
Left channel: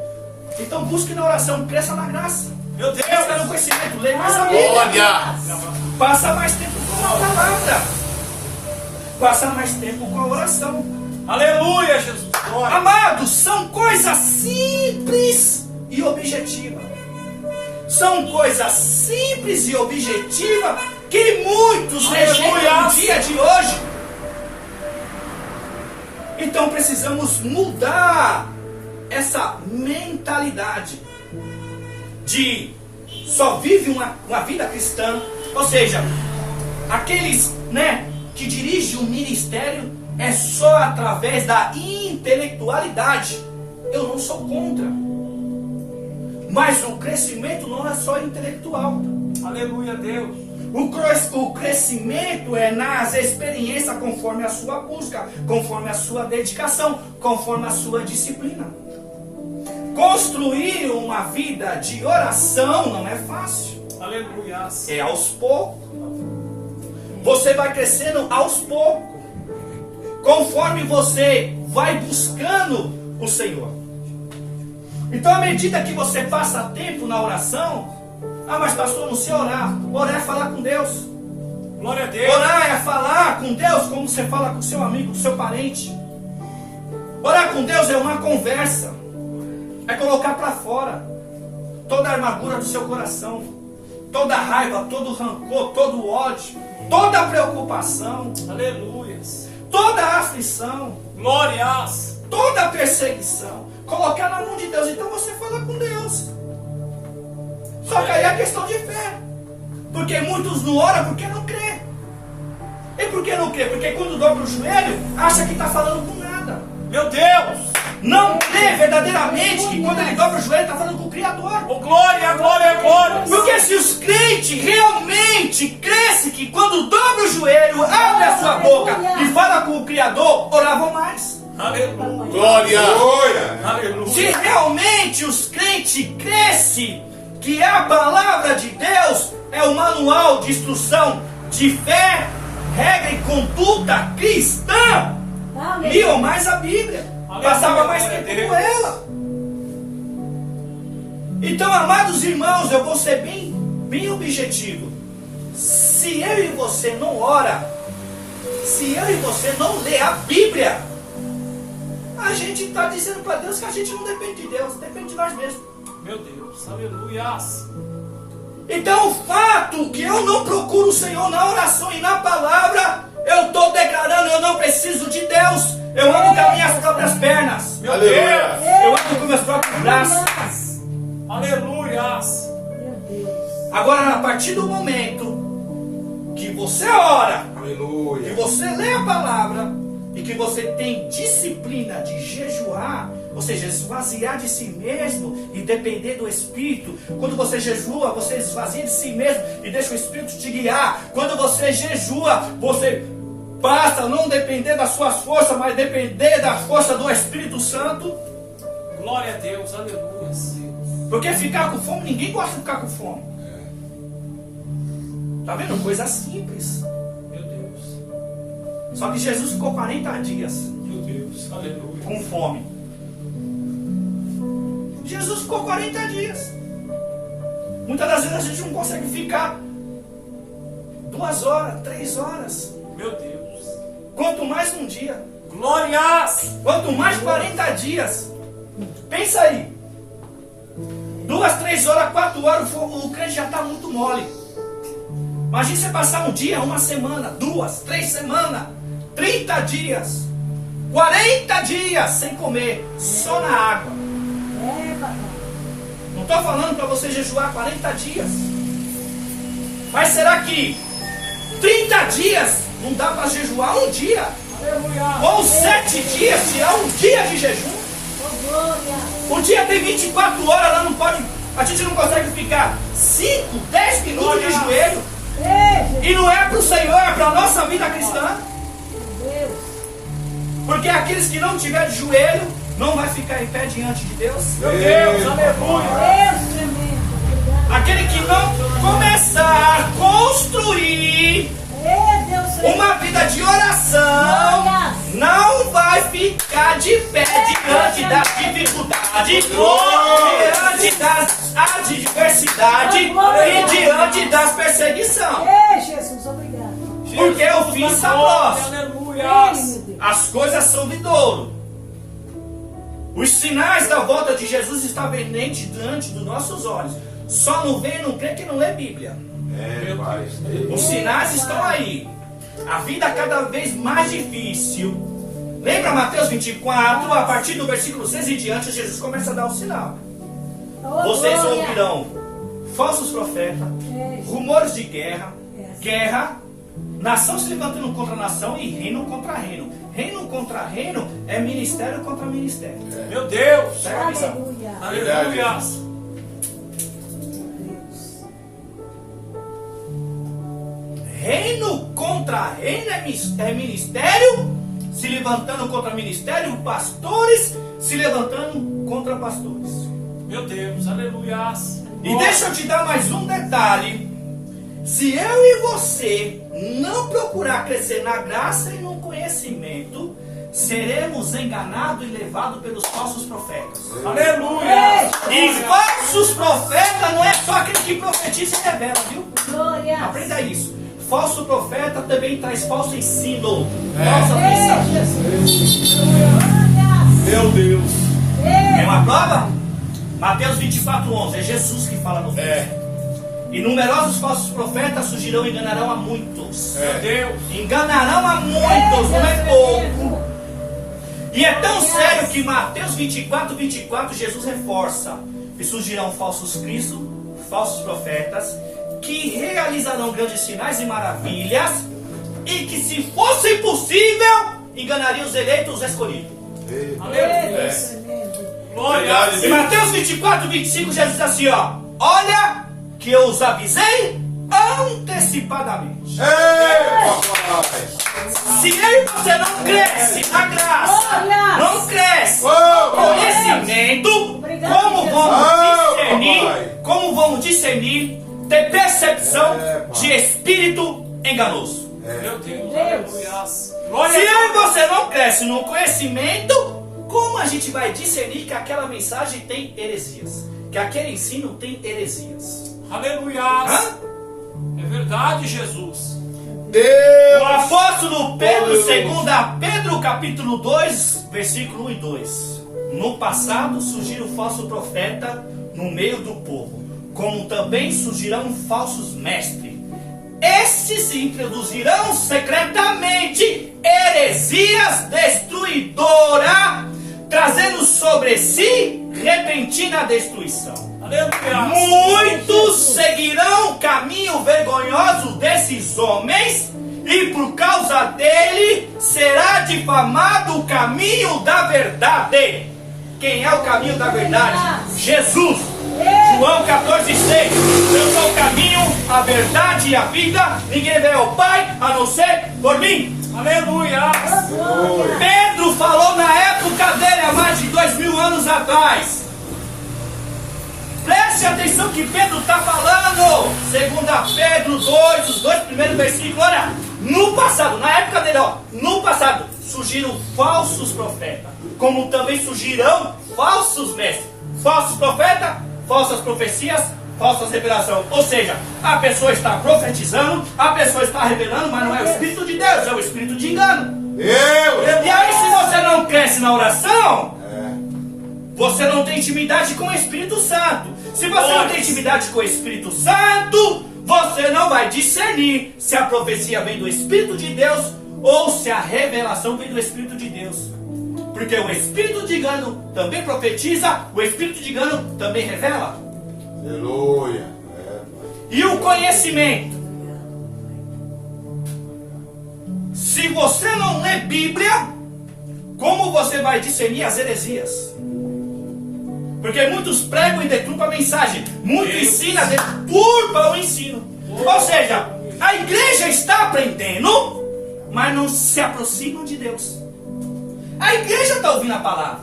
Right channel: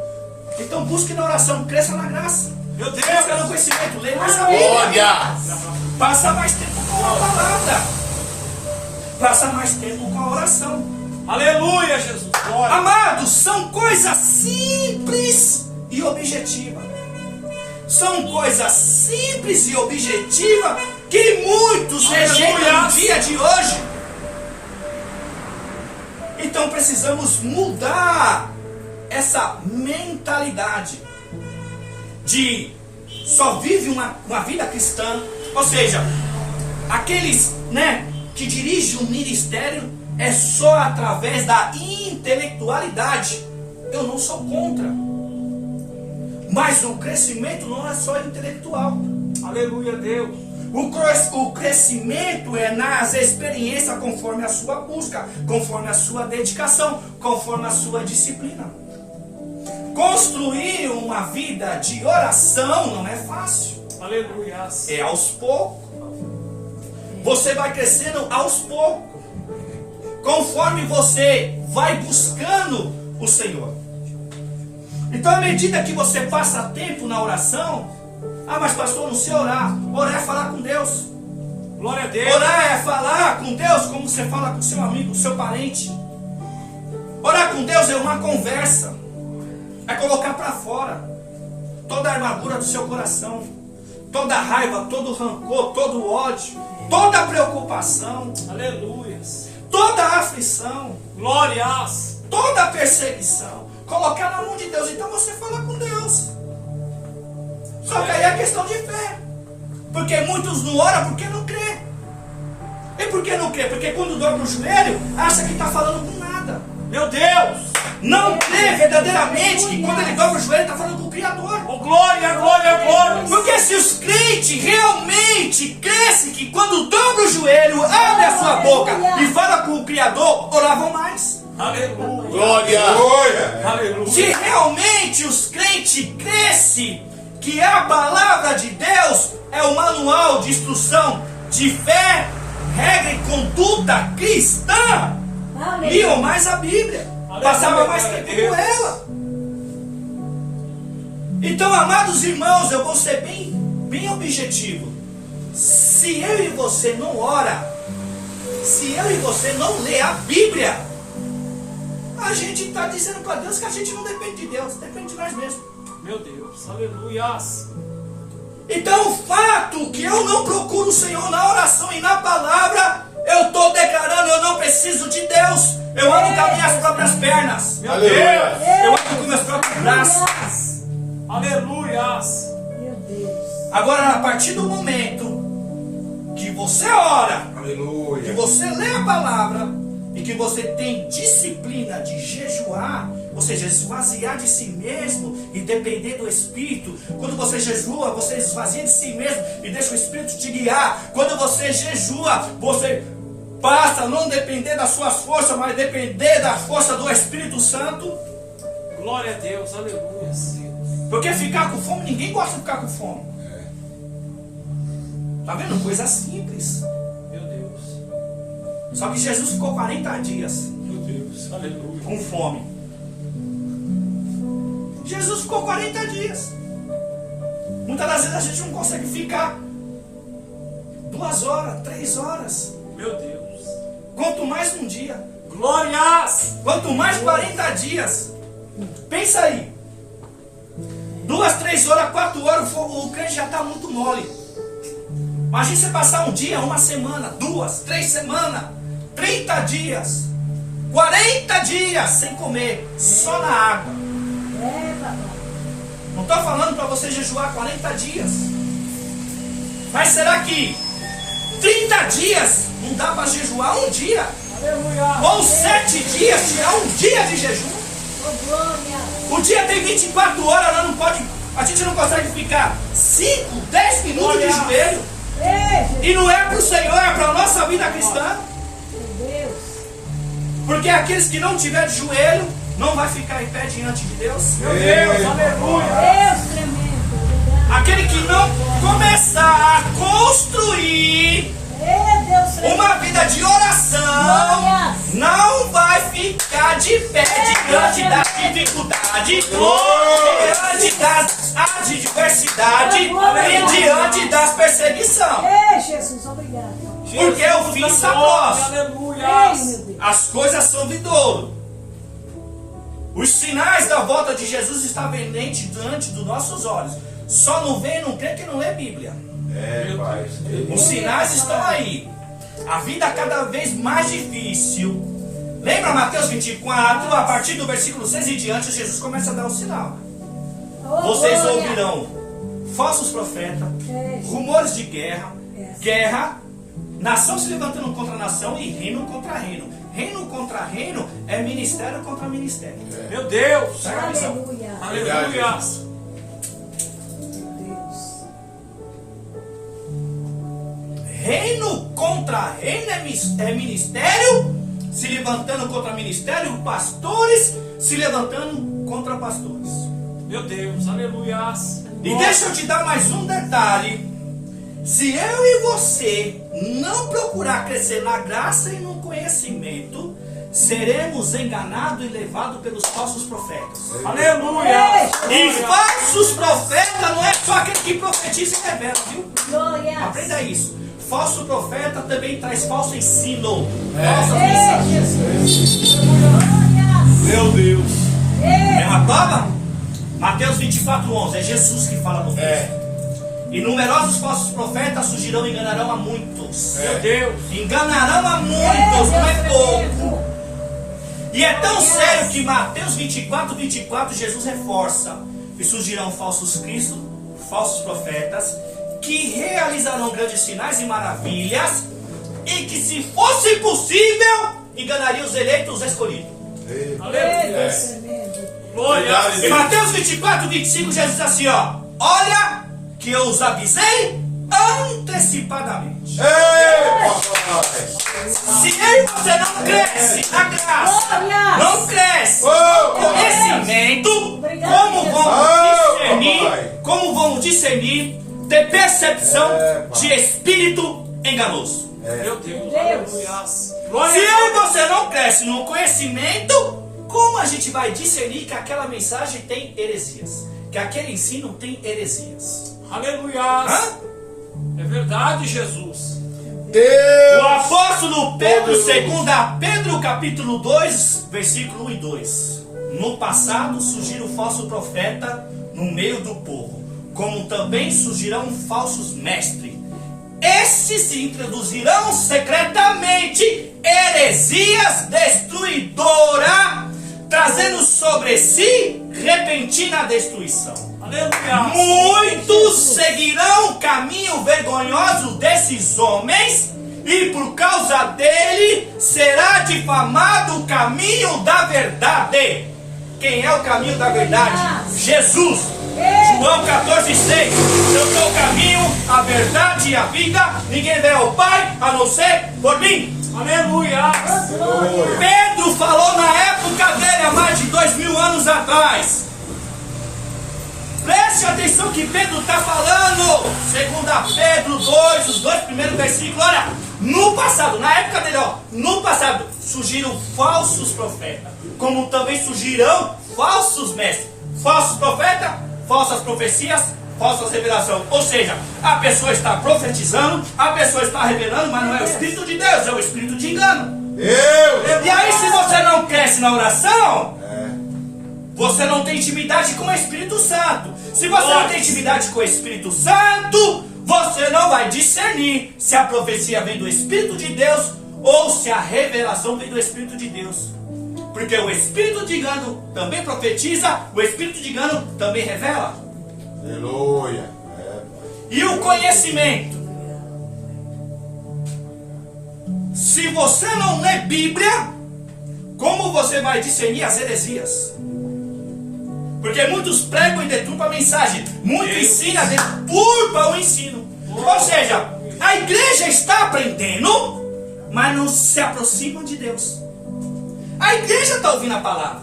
Então busque na oração, cresça na graça. Meu Deus. Cresça no conhecimento, lê mais a Bíblia. Passa mais tempo com a palavra. Passa mais tempo com a oração. Aleluia, Jesus. Glória. Amados, são coisas simples e objetivas. São coisas simples e objetivas que muitos rejeitam no dia de hoje. Então precisamos mudar essa mentalidade de só vive uma vida cristã. Ou seja, aqueles, né, que dirigem o ministério é só através da intelectualidade. Eu não sou contra, mas o crescimento não é só intelectual. Aleluia, Deus. O crescimento é nas experiências conforme a sua busca, conforme a sua dedicação, conforme a sua disciplina. Construir uma vida de oração não é fácil. Aleluia. É aos poucos. Você vai crescendo aos poucos, conforme você vai buscando o Senhor. Então, à medida que você passa tempo na oração, mas pastor, não sei orar. Orar é falar com Deus. Glória a Deus. Orar é falar com Deus como você fala com seu amigo, com seu parente. Orar com Deus é uma conversa. É colocar para fora toda a amargura do seu coração, toda a raiva, todo o rancor, todo o ódio, toda a preocupação, Aleluia. toda a aflição, Glórias. toda a perseguição. Colocar na mão de Deus. Então você fala com Deus. Só que aí é questão de fé. Porque muitos não oram porque não crê. E por que não crê? Porque quando dobra o joelho, acha que está falando com nada. Meu Deus. Não crê verdadeiramente que quando ele dobra o joelho, está falando com o Criador. Oh, glória, glória, glória. Porque se os crentes realmente crescem que quando dobra o joelho, abre a sua boca e fala com o Criador, oravam mais. Aleluia. Glória. Aleluia. Se realmente os crentes crescem que a palavra de Deus é o manual de instrução de fé, regra e conduta cristã, liam mais a Bíblia, passava mais tempo com ela. Então, amados irmãos, eu vou ser bem objetivo. Se eu e você não ora, se eu e você não lê a Bíblia, a gente está dizendo para Deus que a gente não depende de Deus, depende de nós mesmos. Meu Deus. Aleluias. Então o fato que eu não procuro o Senhor na oração e na palavra, eu estou declarando, eu não preciso de Deus. Eu ando com as minhas próprias pernas. Meu Aleluia. Deus. Eu ando com meus próprios braços. Aleluias. Meu Deus. Agora, a partir do momento que você ora, que Aleluia. você lê a palavra e que você tem disciplina de jejuar, ou seja, esvaziar de si mesmo e depender do Espírito. Quando você jejua, você esvazia de si mesmo e deixa o Espírito te guiar. Quando você jejua, você passa a não depender das suas forças, mas depender da força do Espírito Santo. Glória a Deus. Aleluia. Porque ficar com fome, ninguém gosta de ficar com fome. Tá vendo? Coisa simples. Meu Deus. Só que Jesus ficou 40 dias Meu Deus. Aleluia. com fome. Jesus ficou 40 dias. Muitas das vezes a gente não consegue ficar 2 horas, 3 horas. Meu Deus. Quanto mais um dia. Glórias. Quanto mais 40 dias. Pensa aí. 2, 3 horas, 4 horas, o crente já está muito mole. Imagina você passar um dia, uma semana, 2, 3 semanas, 30 dias, 40 dias sem comer, só na água. Não estou falando para você jejuar 40 dias. Mas será que 30 dias, não dá para jejuar um dia. Ou 7 dias, tirar um dia de jejum. Oh, glória. O dia tem 24 horas, ela não pode, a gente não consegue ficar 5, 10 minutos de joelho. Ei, E não é para o Senhor, é para a nossa vida cristã. meu Deus. Porque aqueles que não tiver de joelho, não vai ficar em pé diante de Deus. Meu Deus, aleluia. Deus tremendo. Obrigado. Aquele que não começar a construir Ei, Deus tremendo. uma vida de oração, não vai ficar de pé diante da dificuldade, diante das adversidades e diante das perseguições. Ei, Jesus, obrigado. Porque o fim está próximo. Aleluia. Ei, meu Deus. As coisas são vindouro. Os sinais da volta de Jesus estão evidentes diante dos nossos olhos. Só não vê e não crê que não lê Bíblia. Pai. Os sinais estão aí. A vida cada vez mais difícil. Lembra Mateus 24, a partir do versículo 6 e diante, Jesus começa a dar o sinal. Oh, Vocês glória. ouvirão falsos profetas, Ei, rumores de guerra, nação se levantando contra nação e reino contra reino. Reino contra reino é ministério contra ministério. Meu Deus. Presta atenção. aleluia. Aleluia. Deus. Reino contra reino é ministério se levantando contra ministério, pastores se levantando contra pastores. Meu Deus, aleluia. E deixa eu te dar mais um detalhe. Se eu e você não procurar crescer na graça e no conhecimento, seremos enganados e levados pelos falsos profetas. Aleluia. E falsos profetas não é só aquele que profetiza e revela, viu? Glória. Aprenda isso. Falso profeta também traz falso ensino, falsas mensagens. Ei, Jesus. Glória. Meu Deus. É Ei, uma prova? Mateus 24:11, é Jesus que fala no texto. E numerosos falsos profetas surgirão e enganarão a muitos. Meu Deus. Enganarão a muitos, não é pouco. E é tão sério que Mateus 24, Jesus reforça. E surgirão falsos cristos, falsos profetas, que realizarão grandes sinais e maravilhas, e que, se fosse possível, enganariam os eleitos, os escolhidos. Ei, Aleluia. Deus tremendo. Glória. Em Mateus 24:25, Jesus diz assim, ó: olha que eu os avisei antecipadamente. Se eu e você não cresce na graça, não cresce no conhecimento, como vamos discernir, ter percepção de espírito enganoso? Meu Deus, Deus. aleluia. Se Glória. eu e você não cresce no conhecimento, como a gente vai discernir que aquela mensagem tem heresias? Que aquele ensino tem heresias? Aleluia. Hã? É verdade, Jesus. O apóstolo Pedro, segundo Pedro capítulo 2, versículo 1 e 2. No passado surgiram falsos profetas no meio do povo, como também surgirão falsos mestres. Esses introduzirão secretamente heresias destruidoras, trazendo sobre si repentina destruição. Aleluia. Muitos seguirão o caminho vergonhoso desses homens, e por causa dele será difamado o caminho da verdade. Quem é o caminho da verdade? Jesus. João 14,6. Eu sou o caminho, a verdade e a vida. Ninguém vê ao Pai a não ser por mim. Aleluia. Pedro falou na época dele, há mais de 2000 anos atrás. Preste atenção que Pedro está falando. Segundo Pedro 2, os 2 primeiros versículos. Olha, no passado, na época dele, ó, no passado, surgiram falsos profetas, como também surgirão falsos mestres. Falsos profetas, falsas profecias, falsas revelações. Ou seja, a pessoa está profetizando, a pessoa está revelando, mas não é o Espírito de Deus, é o Espírito de engano. E aí, se você não cresce na oração, você não tem intimidade com o Espírito Santo. Se você não tem intimidade com o Espírito Santo, você não vai discernir se a profecia vem do Espírito de Deus ou se a revelação vem do Espírito de Deus. Porque o Espírito de engano também profetiza, o Espírito de engano também revela. Aleluia. E o conhecimento? Se você não lê Bíblia, como você vai discernir as heresias? Porque muitos pregam e deturpam a mensagem. Muitos ensinam, deturpam o ensino. Ou seja, a igreja está aprendendo, mas não se aproximam de Deus. A igreja está ouvindo a palavra.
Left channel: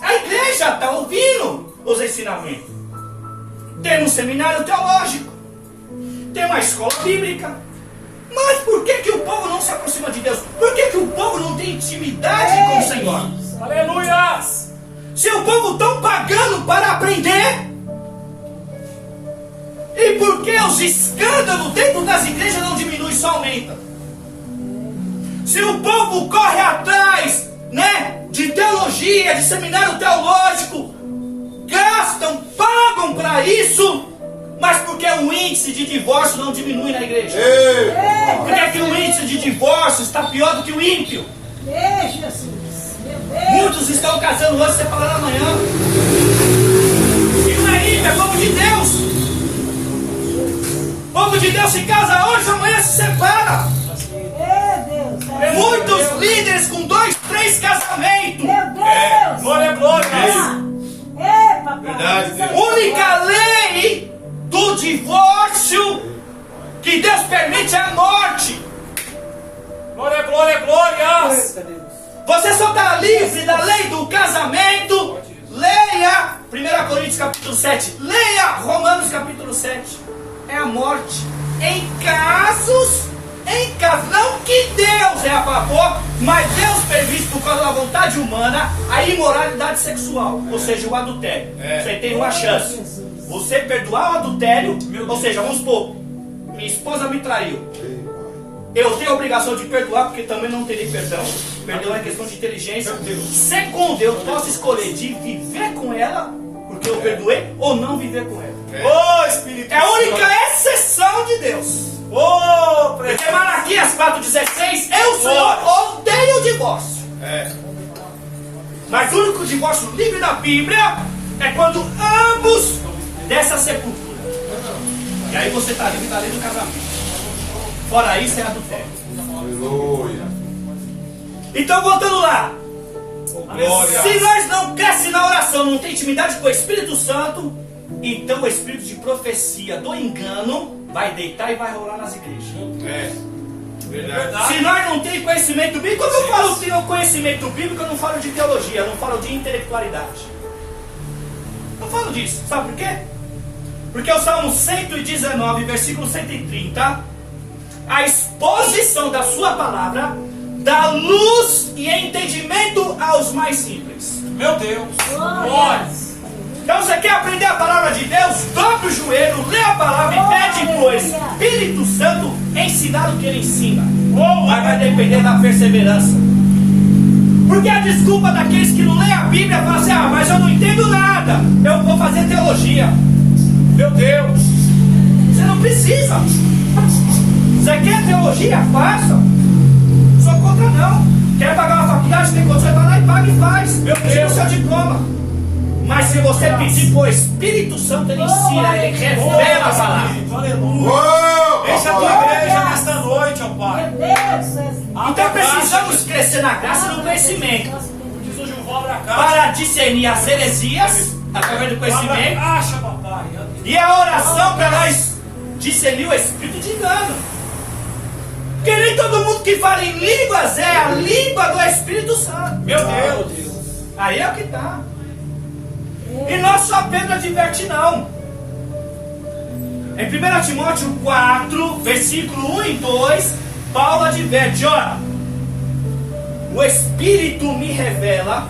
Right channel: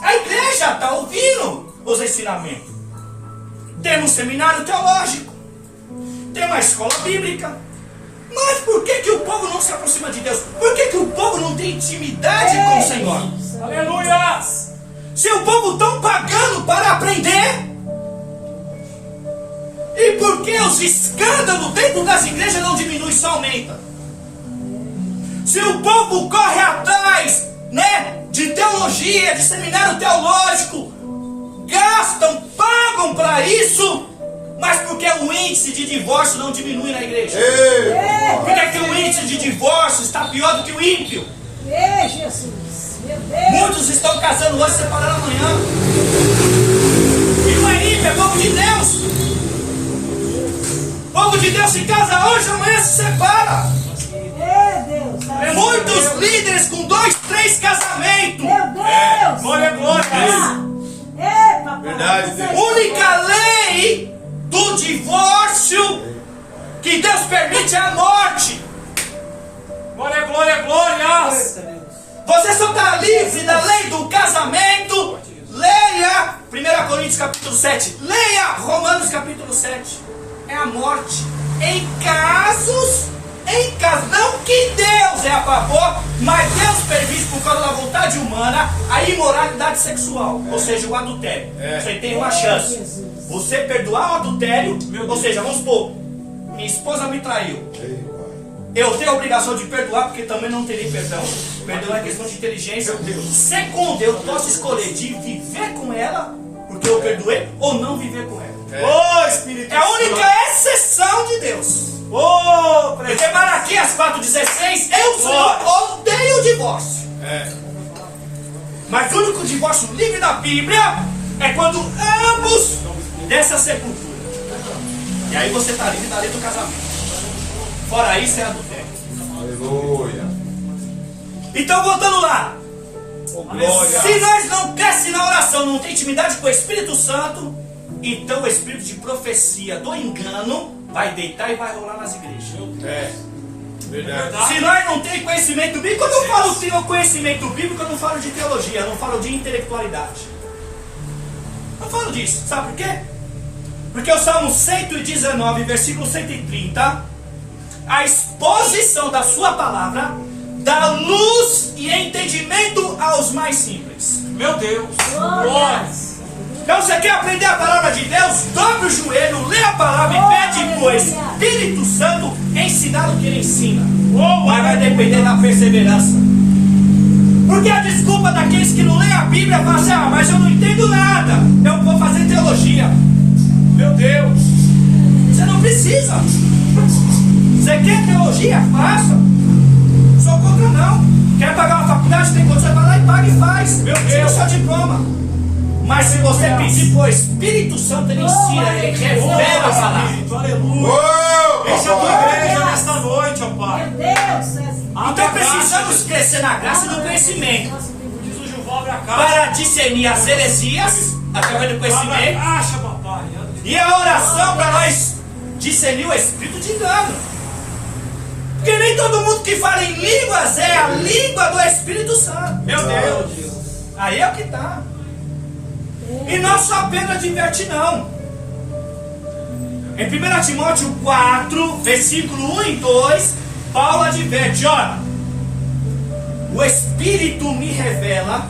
A igreja está ouvindo os ensinamentos. Tem um seminário teológico. Tem uma escola bíblica. Mas por que o povo não se aproxima de Deus? Por que o povo não tem intimidade com o Senhor? Aleluia! Se o povo estão pagando para aprender, e por que os escândalos dentro das igrejas não diminuem, só aumenta? Se o povo corre atrás, de teologia, de seminário teológico, gastam, pagam para isso, mas por que o índice de divórcio não diminui na igreja? Por que o índice de divórcio está pior do que o ímpio? Jesus, meu Deus. Muitos estão casando hoje e separando amanhã. E não é ímpio, é povo de Deus. O povo de Deus se casa hoje, amanhã se separa. Meu Deus. Muitos líderes com 2, 3 casamentos. Meu Deus. Glória, glória. Papai. Verdade. Única lei do divórcio que Deus permite é a morte. Glória, glória, glória. Você só está livre da lei do casamento. Leia 1 Coríntios capítulo 7. Leia Romanos capítulo 7. É a morte. Em casos, não que Deus é a favor, mas Deus permite por causa da vontade humana a imoralidade sexual, ou seja, o adultério. Você tem uma chance. Você perdoar o adultério, ou seja, vamos supor, minha esposa me traiu. Eu tenho a obrigação de perdoar, porque também não terei perdão. Perdão é questão de inteligência. Segundo, eu posso escolher de viver com ela, porque eu perdoei, ou não viver com ela. Espírito É a única exceção de Deus. Porque Malaquias 4,16, eu, Senhor, odeio o divórcio. Mas o único divórcio livre da Bíblia é quando ambos dessa sepultura. E aí você está livre da lei do casamento. Fora isso é adultério. Aleluia. Então voltando lá. Glória. Se nós não crescemos na oração, não tem intimidade com o Espírito Santo, então o espírito de profecia do engano vai deitar e vai rolar nas igrejas. Verdade. Se nós não temos conhecimento bíblico, quando eu falo de conhecimento bíblico, eu não falo de teologia, eu não falo de intelectualidade. Eu falo disso, sabe por quê? Porque o Salmo 119, versículo 130, a exposição da sua palavra dá luz e entendimento aos mais simples. Meu Deus. Glória. Então você quer aprender a palavra de Deus? Dobre o joelho, lê a palavra e pede pro Espírito Santo ensinar o que ele ensina. Mas vai depender da perseverança. Porque a desculpa daqueles que não leem a Bíblia é falar assim: mas eu não entendo nada, eu vou fazer teologia. Meu Deus, você não precisa. Você quer teologia? Faça. Sou contra não. Quer pagar uma faculdade? Tem condição, vai lá e paga e faz. Meu Deus, seu diploma. Mas se você pedir para o Espírito Santo, ele ensina, ele revela a palavra. Aleluia. Essa é a tua igreja nesta noite, ó Pai. Meu Deus. Então precisamos crescer na graça e no conhecimento Jesus de um vó pra cá. para discernir as heresias através do conhecimento Acha, papai. e a oração para nós discernir o espírito de engano. Porque nem todo mundo que fala em línguas é a língua do Espírito Santo. Meu Deus. Aí é o que está. E não só Pedro adverte, não. Em 1 Timóteo 4, versículo 1 e 2, Paulo adverte: ora, o Espírito me revela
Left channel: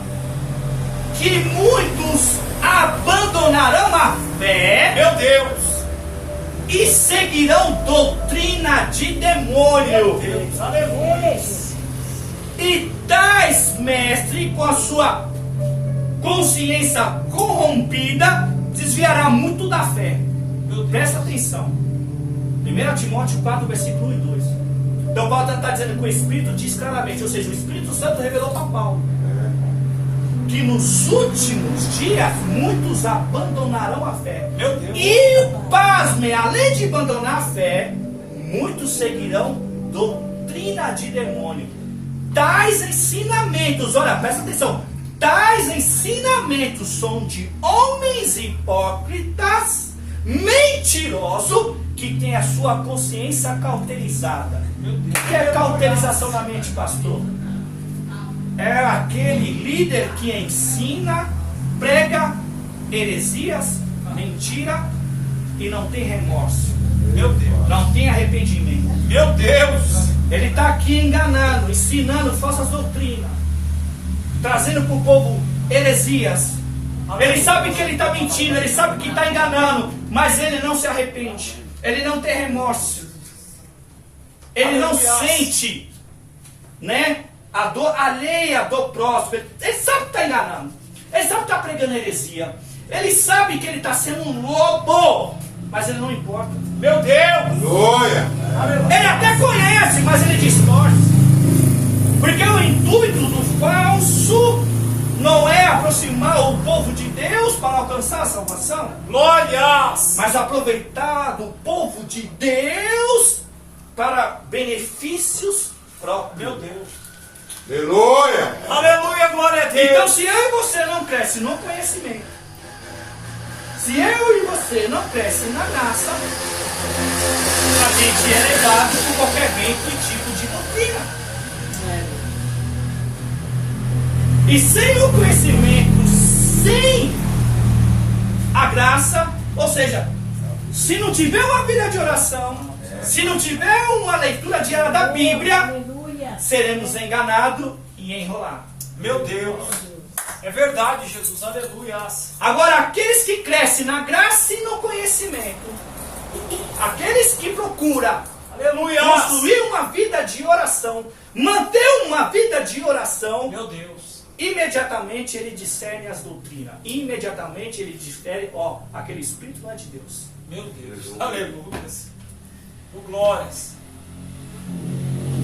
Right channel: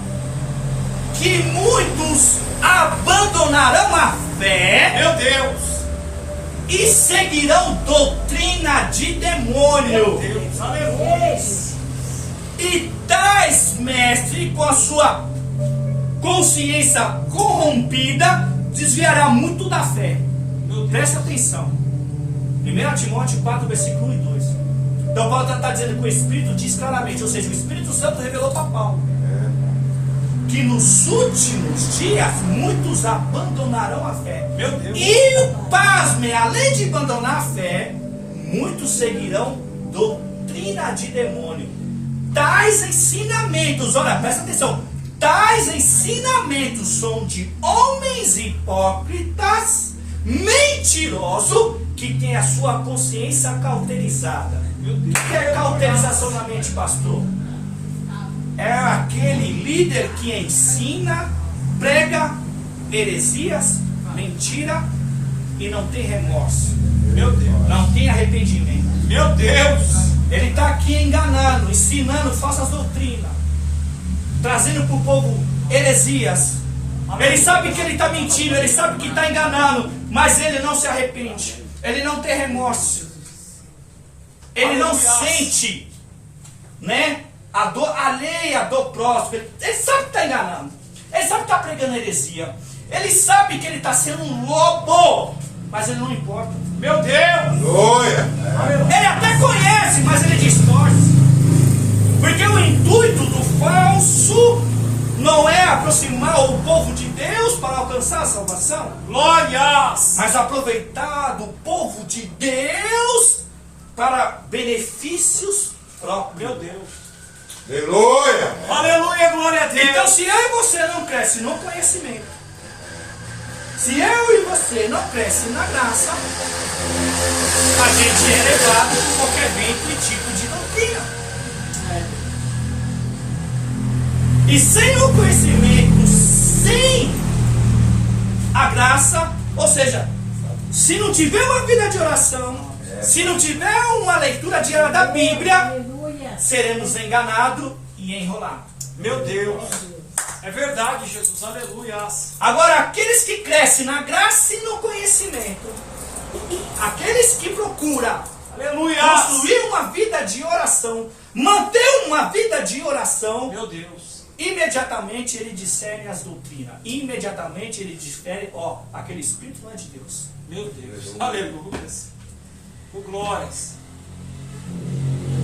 que muitos abandonarão a fé, Meu Deus. e seguirão doutrina de demônio. Deus. Aleluia. E tais mestres, com a sua consciência corrompida, desviará muito da fé. Presta atenção. 1 Timóteo 4, versículo 1 e 2. Então Paulo está dizendo que o Espírito diz claramente, ou seja, o Espírito Santo revelou para Paulo que nos últimos dias muitos abandonarão a fé. Meu Deus. E pasme, além de abandonar a fé, muitos seguirão doutrina de demônio. Tais ensinamentos, olha, presta atenção, tais ensinamentos são de homens hipócritas, mentirosos, que têm a sua consciência cauterizada. O que é cauterização na mente, pastor? É aquele líder que ensina, prega heresias, mentira e não tem remorso. Meu Deus. Não tem arrependimento. Meu Deus. Ele está aqui enganando, ensinando falsas doutrinas, trazendo para o povo heresias. Ele sabe que ele está mentindo, ele sabe que está enganando, mas ele não se arrepende. Ele não tem remorso. Ele não sente, né, a dor alheia do próximo. Ele sabe que está enganando. Ele sabe que está pregando heresia. Ele sabe que ele está sendo um lobo, mas ele não importa. Meu Deus. Glória. Ele até conhece, mas ele distorce. Porque o intuito do falso não é aproximar o povo de Deus para alcançar a salvação, Glórias. mas aproveitar do povo de Deus para benefícios próprios. Meu Deus. Aleluia. Aleluia, glória a Deus. Então, se eu e você não cresce no conhecimento, se eu e você não cresce na graça, a gente é levado por qualquer vento e tipo de doutrina. E sem o conhecimento, sem a graça, ou seja, se não tiver uma vida de oração, se não tiver uma leitura diária da Bíblia, Aleluia. seremos enganados e enrolados. Meu Deus. É verdade, Jesus. Aleluia. Agora, aqueles que crescem na graça e no conhecimento, aqueles que procuram Aleluia. construir uma vida de oração, manter uma vida de oração, Meu Deus. imediatamente ele discerne as doutrinas. Imediatamente ele difere, ó, aquele espírito não é de Deus. Meu Deus. Aleluia. Oh, glórias.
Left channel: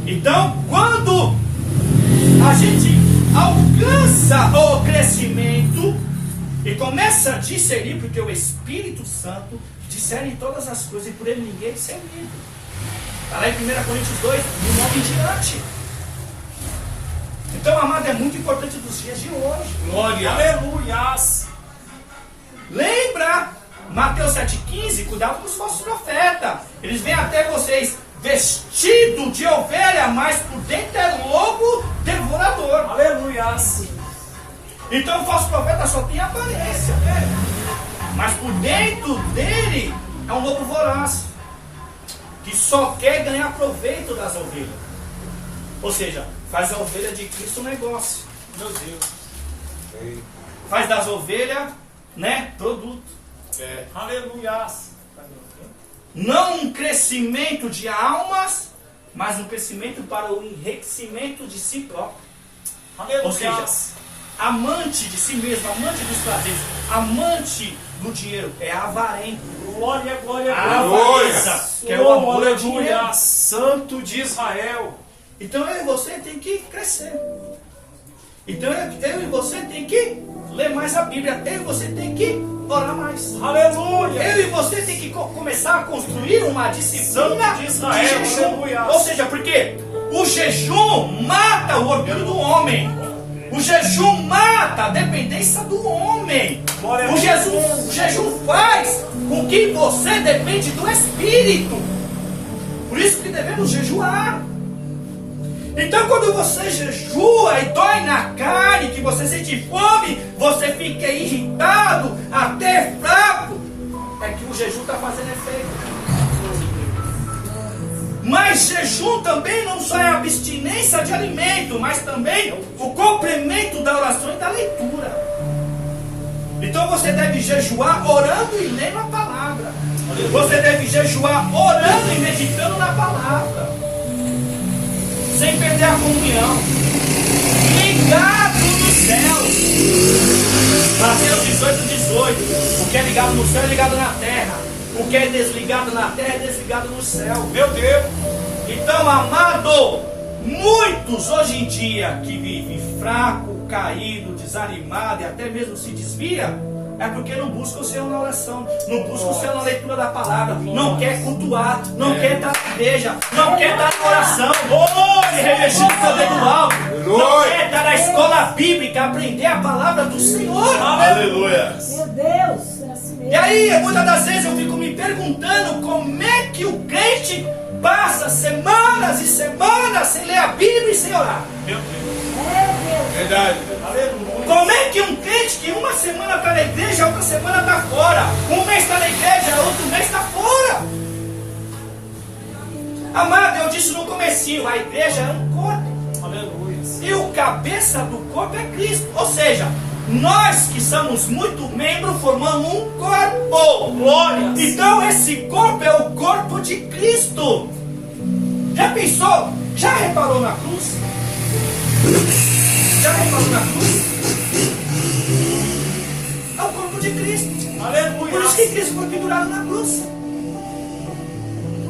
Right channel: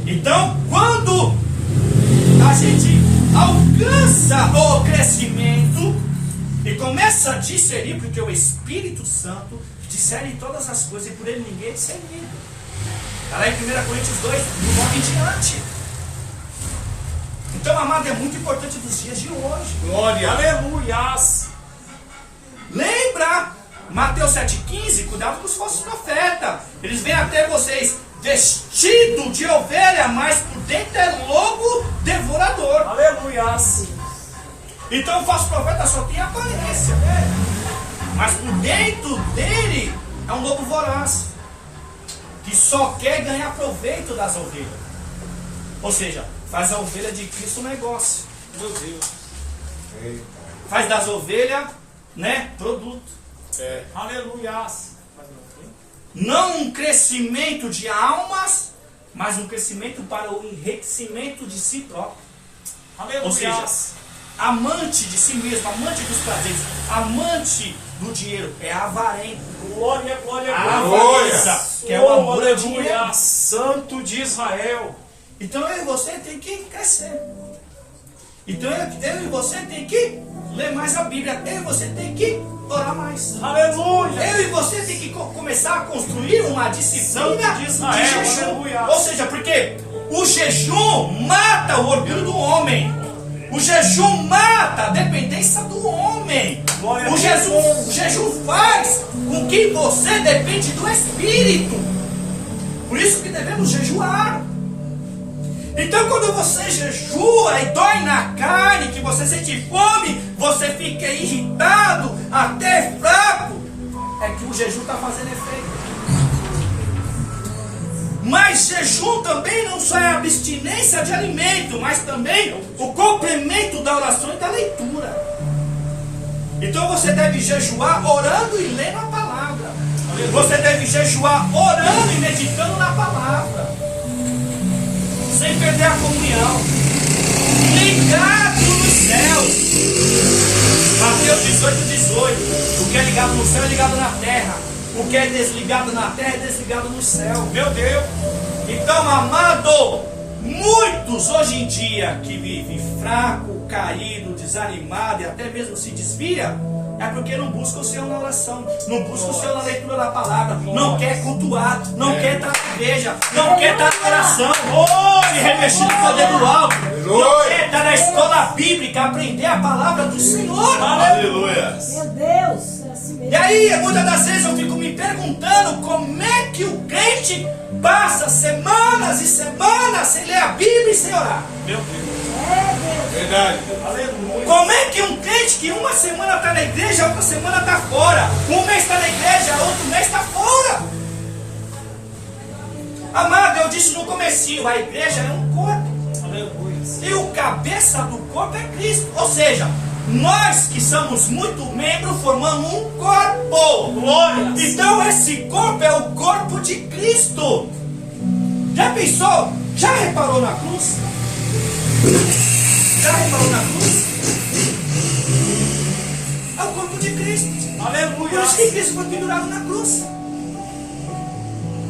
Então, quando a gente alcança o crescimento e começa a discernir, porque o Espírito Santo discerne todas as coisas e por ele ninguém é discernido. Está lá em 1 Coríntios 2, do 9 em diante. Então, amado, é muito importante dos dias de hoje. Glória. Aleluia. Lembra, Mateus 7,15, cuidado com os falsos profetas. Eles vêm até vocês vestido de ovelha, mas por dentro é lobo devorador. Aleluia. Então o falso profeta só tem aparência, mas por dentro dele é um lobo voraz, que só quer ganhar proveito das ovelhas. Ou seja, faz a ovelha de Cristo um negócio. Meu Deus. Faz das ovelhas, né, produto. Aleluia. Não um crescimento de almas, mas um crescimento para o enriquecimento de si próprio. Aleluia. Ou seja, amante de si mesmo, amante dos prazeres, amante do dinheiro, é avarento. Glória, glória, A glória. avareza, que é o amor ao dinheiro. Aleluia. Santo de Israel. Então eu e você tem que crescer. Então eu e você tem que ler mais a Bíblia. Eu e você tem que orar mais. Aleluia. Eu e você tem que começar a construir uma disciplina de Israel, jejum. aleluia. Ou seja, porque o jejum mata o orgulho do homem. O jejum mata a dependência do homem. Glória a O jejum faz com que você depende do Espírito. Por isso que devemos jejuar. Então quando você jejua e dói na carne, que você sente fome, você fica irritado, até fraco, é que o jejum está fazendo efeito. Mas jejum também não só é abstinência de alimento, mas também o complemento da oração e da leitura. Então você deve jejuar orando e lendo a palavra. Você deve jejuar orando e meditando na palavra, sem perder a comunhão, ligado nos céus. Mateus 18. O que é ligado no céu é ligado na terra. O que é desligado na terra é desligado no céu. Meu Deus. Então, amado, muitos hoje em dia que vivem fraco, caído, desanimado e até mesmo se desvia, É porque não busca o Senhor na oração, não busca o Senhor na leitura da palavra, não quer cultuar, não quer estar na igreja, não quer estar na oração, se revestir do poder do alto, não quer estar na escola bíblica, aprender a palavra do Senhor. Aleluia. Meu Deus, é assim mesmo. E aí, muitas das vezes eu fico me perguntando como é que o crente passa semanas e semanas sem ler a Bíblia e sem orar. Meu Deus. Verdade. Aleluia. Como é que um crente que uma semana está na igreja, outra semana está fora, um mês está na igreja, outro mês está fora? Amado, eu disse no comecinho, a igreja é um corpo. Aleluia. E o cabeça do corpo é Cristo. Ou seja, nós que somos muito membros formamos um corpo. Glória. Então esse corpo é o corpo de Cristo. Já pensou? Já reparou na cruz? Já reparou na cruz? É o corpo de Cristo. Aleluia. Por isso que Cristo foi pendurado na cruz.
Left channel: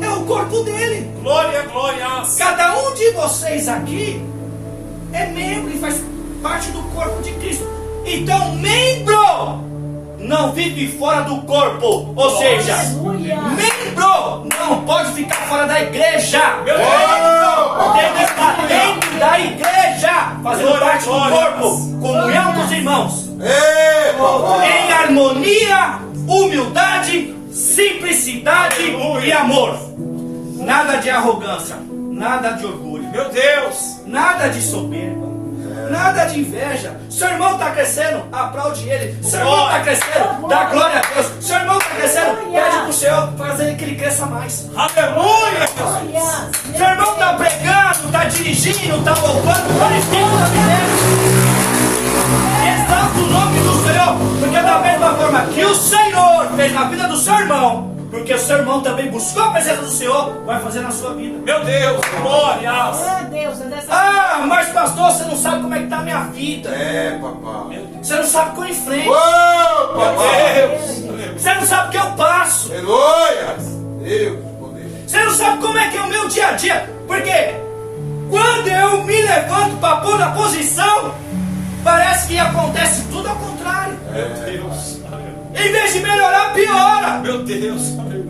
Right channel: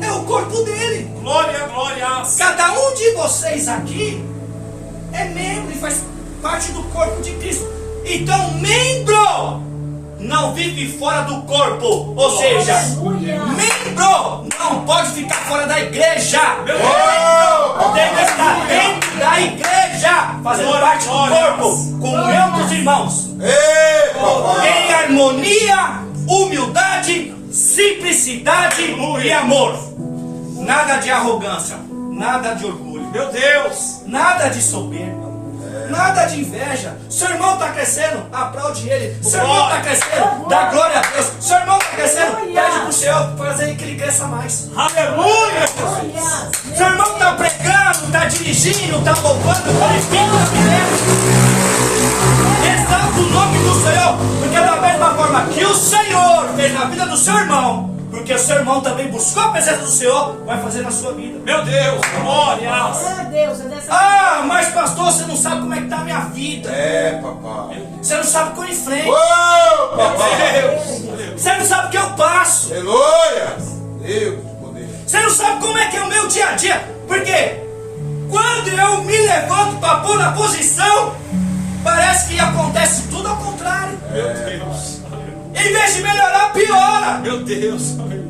É o corpo dele. Glória, glória. Cada um de vocês aqui é membro e faz parte do corpo de Cristo. Então, membro não vive fora do corpo. Ou seja, Aleluia. membro não pode ficar fora da igreja. Meu Deus. Tem que estar dentro da igreja, fazendo parte do corpo, comunhão com os irmãos, Ei, papai. em harmonia, humildade, simplicidade e amor. Nada de arrogância, nada de orgulho, Meu Deus. nada de soberba, nada de inveja. Seu irmão está crescendo, aplaude ele. Seu irmão está crescendo, dá glória a Deus. Seu irmão está crescendo, pede para o Senhor fazer que ele cresça mais. Aleluia. Glória. Seu irmão está pregando, está dirigindo, está louvando, glorificando a vida. Exalta o nome do Senhor, porque da mesma forma que o Senhor fez na vida do seu irmão, porque o seu irmão também buscou a presença do Senhor, vai fazer na sua vida. Meu Deus. Glória. Meu Deus, é dessa Ah, mas pastor, você não sabe como é que está a minha vida. É, papai. Você não sabe o que eu enfrento. Ô, papai. Deus. Você não sabe o que eu passo. Aleluia. Deus, poder. Você não sabe como é que é o meu dia a dia. Porque quando eu me levanto para pôr na posição, parece que acontece tudo ao contrário. Meu Deus. Aleluia. Em vez de melhorar, piora. Meu Deus. Aleluia.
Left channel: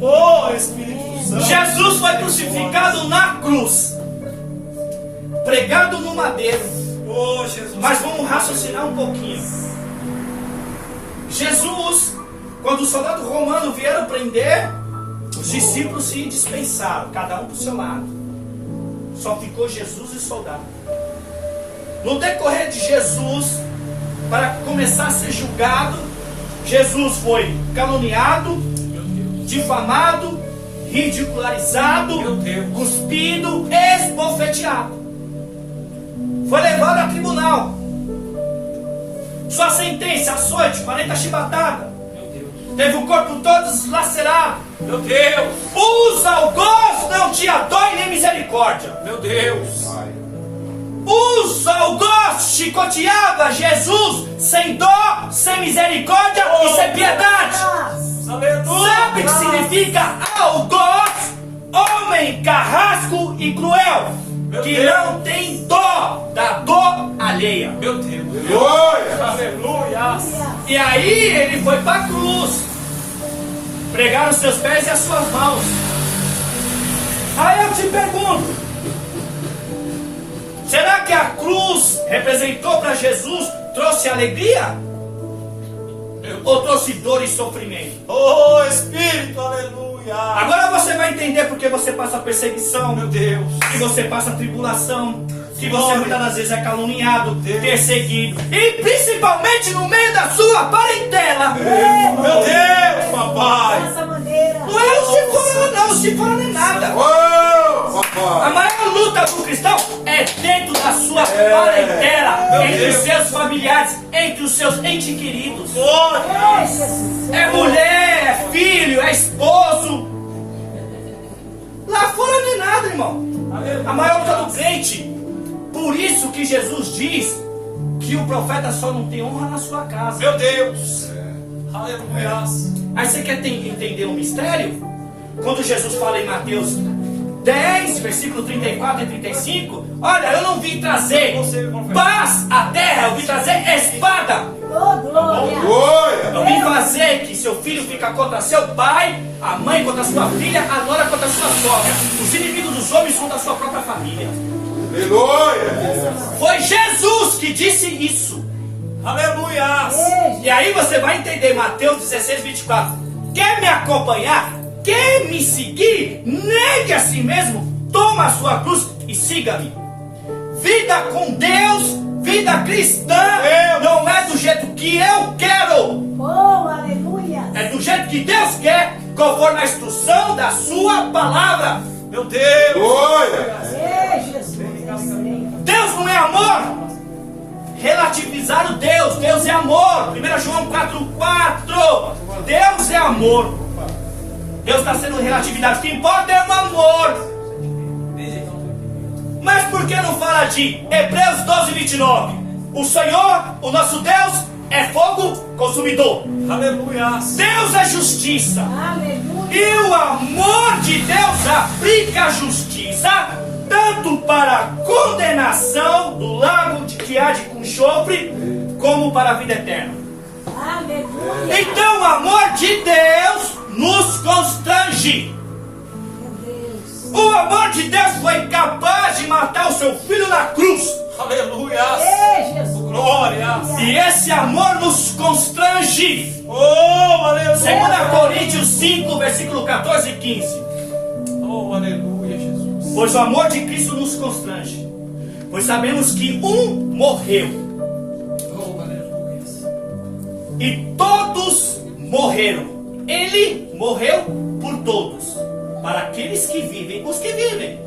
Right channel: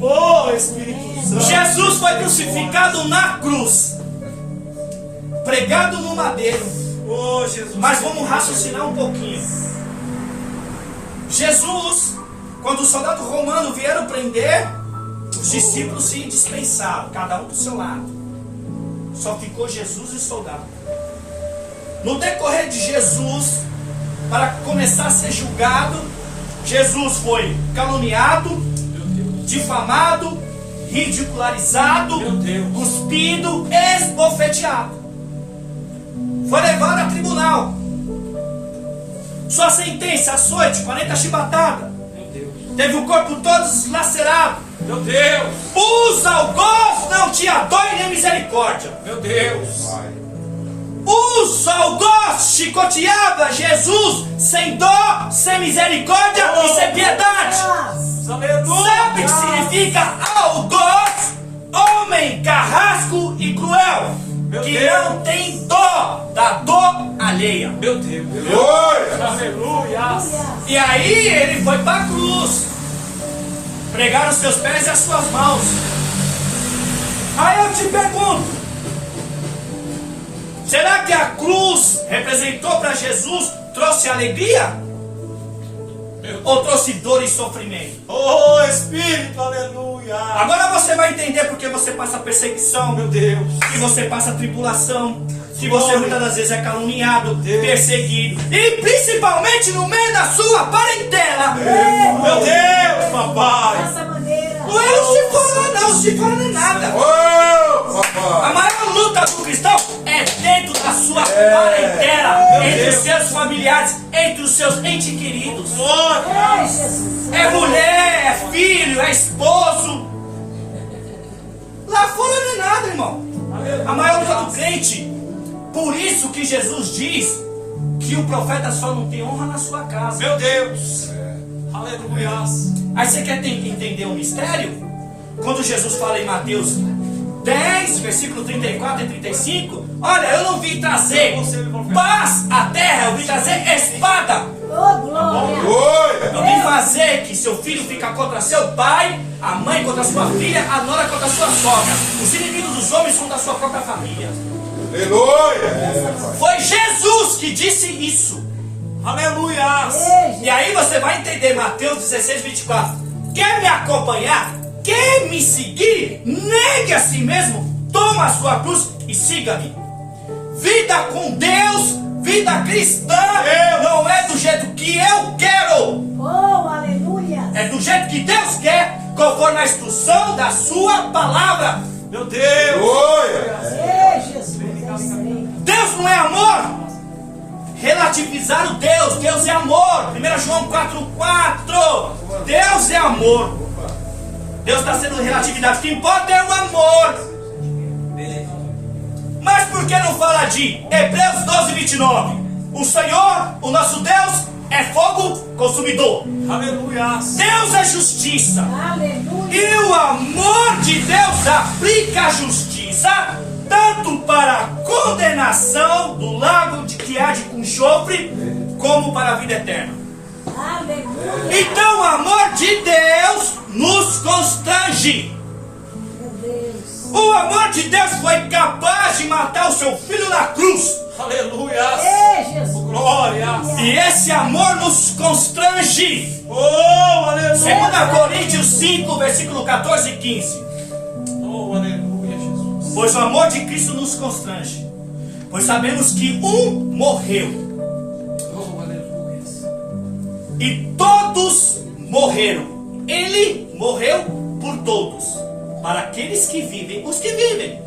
Oh, Espírito Santo. Jesus foi crucificado na cruz, pregado no madeiro. Oh, Jesus. Mas vamos raciocinar um pouquinho. Jesus, quando os soldados romanos vieram prender, os discípulos se dispensaram, cada um para o seu lado. Só ficou Jesus e o soldado. No decorrer de Jesus, para começar a ser julgado, Jesus foi caluniado, difamado, ridicularizado, Meu Deus. cuspido, esbofeteado. Foi levado a tribunal. Sua sentença, açoite, 40 chibatadas. Meu Deus. Teve o corpo todo lacerado. Meu Deus. Os algozes não tinha dó e nem misericórdia. Meu Deus. Os algozes chicoteava Jesus sem dó, sem misericórdia e sem piedade. Aleluia. Sabe o que significa algoz? Homem carrasco e cruel, Meu que Deus. não tem dó da dor alheia. Meu Deus. Glória. Aleluia. E aí ele foi para a cruz, pregaram os seus pés e as suas mãos. Aí eu te pergunto, será que a cruz representou para Jesus, trouxe alegria? Ou trouxe dor e sofrimento? Oh, Espírito. Aleluia. Agora você vai entender porque você passa perseguição, Meu Deus. que você passa tribulação, que você muitas das vezes é caluniado, Deus. perseguido, e principalmente no meio da sua parentela. Meu Deus, papai. dessa maneira. Não é o se fora, não, o se fora não é nada. Ô, A papai. maior luta do cristão é dentro da sua parentela, Meu entre Deus. os seus familiares, entre os seus entes queridos. Glória. Ei, Jesus. É mulher, é filho, é esposo. Lá fora não é nada, irmão. A maior luta do crente. Por isso que Jesus diz que o profeta só não tem honra na sua casa. Meu Deus. Aleluia. Aí você quer entender o mistério? Quando Jesus fala em Mateus 10, versículo 34 e 35, olha, eu não vim trazer paz à terra, eu vim trazer espada. Oh, glória. que seu filho fica contra seu pai, a mãe contra sua filha, a nora contra sua sogra, os inimigos dos homens contra a sua própria família. Aleluia! Foi Jesus que disse isso. Aleluia! E aí você vai entender Mateus 16, 24. Quer me acompanhar? Quer me seguir? Negue a si mesmo, toma a sua cruz e siga-me. Vida com Deus, vida cristã, não é do jeito que eu quero. Oh, aleluia. É do jeito que Deus quer, conforme a instrução da sua palavra. Meu Deus! Aleluia! Ei, Jesus, eu sei. Deus não é amor. Relativizar o Deus. Deus é amor. 1 João 4,4. Deus é amor. Deus está sendo relatividade. O que importa é o amor. Mas por que não fala de Hebreus 12, 29? O Senhor, o nosso Deus, é fogo consumidor. Aleluia! Deus é justiça. Aleluia. E o amor de Deus aplica a justiça tanto para a condenação do lago de que há de com enxofre, como para a vida eterna. Aleluia. Então o amor de Deus nos constrange. Meu Deus. O amor de Deus foi capaz de matar o seu filho na cruz. Aleluia! Ei, Jesus. Glória! E esse amor nos constrange. Oh, aleluia! 2 Coríntios 5, versículo 14 e 15. Oh, aleluia, Jesus! Pois o amor de Cristo nos constrange. Pois sabemos que um morreu Oh, aleluia! e todos morreram. Ele morreu por todos. Para aqueles que vivem, os que vivem,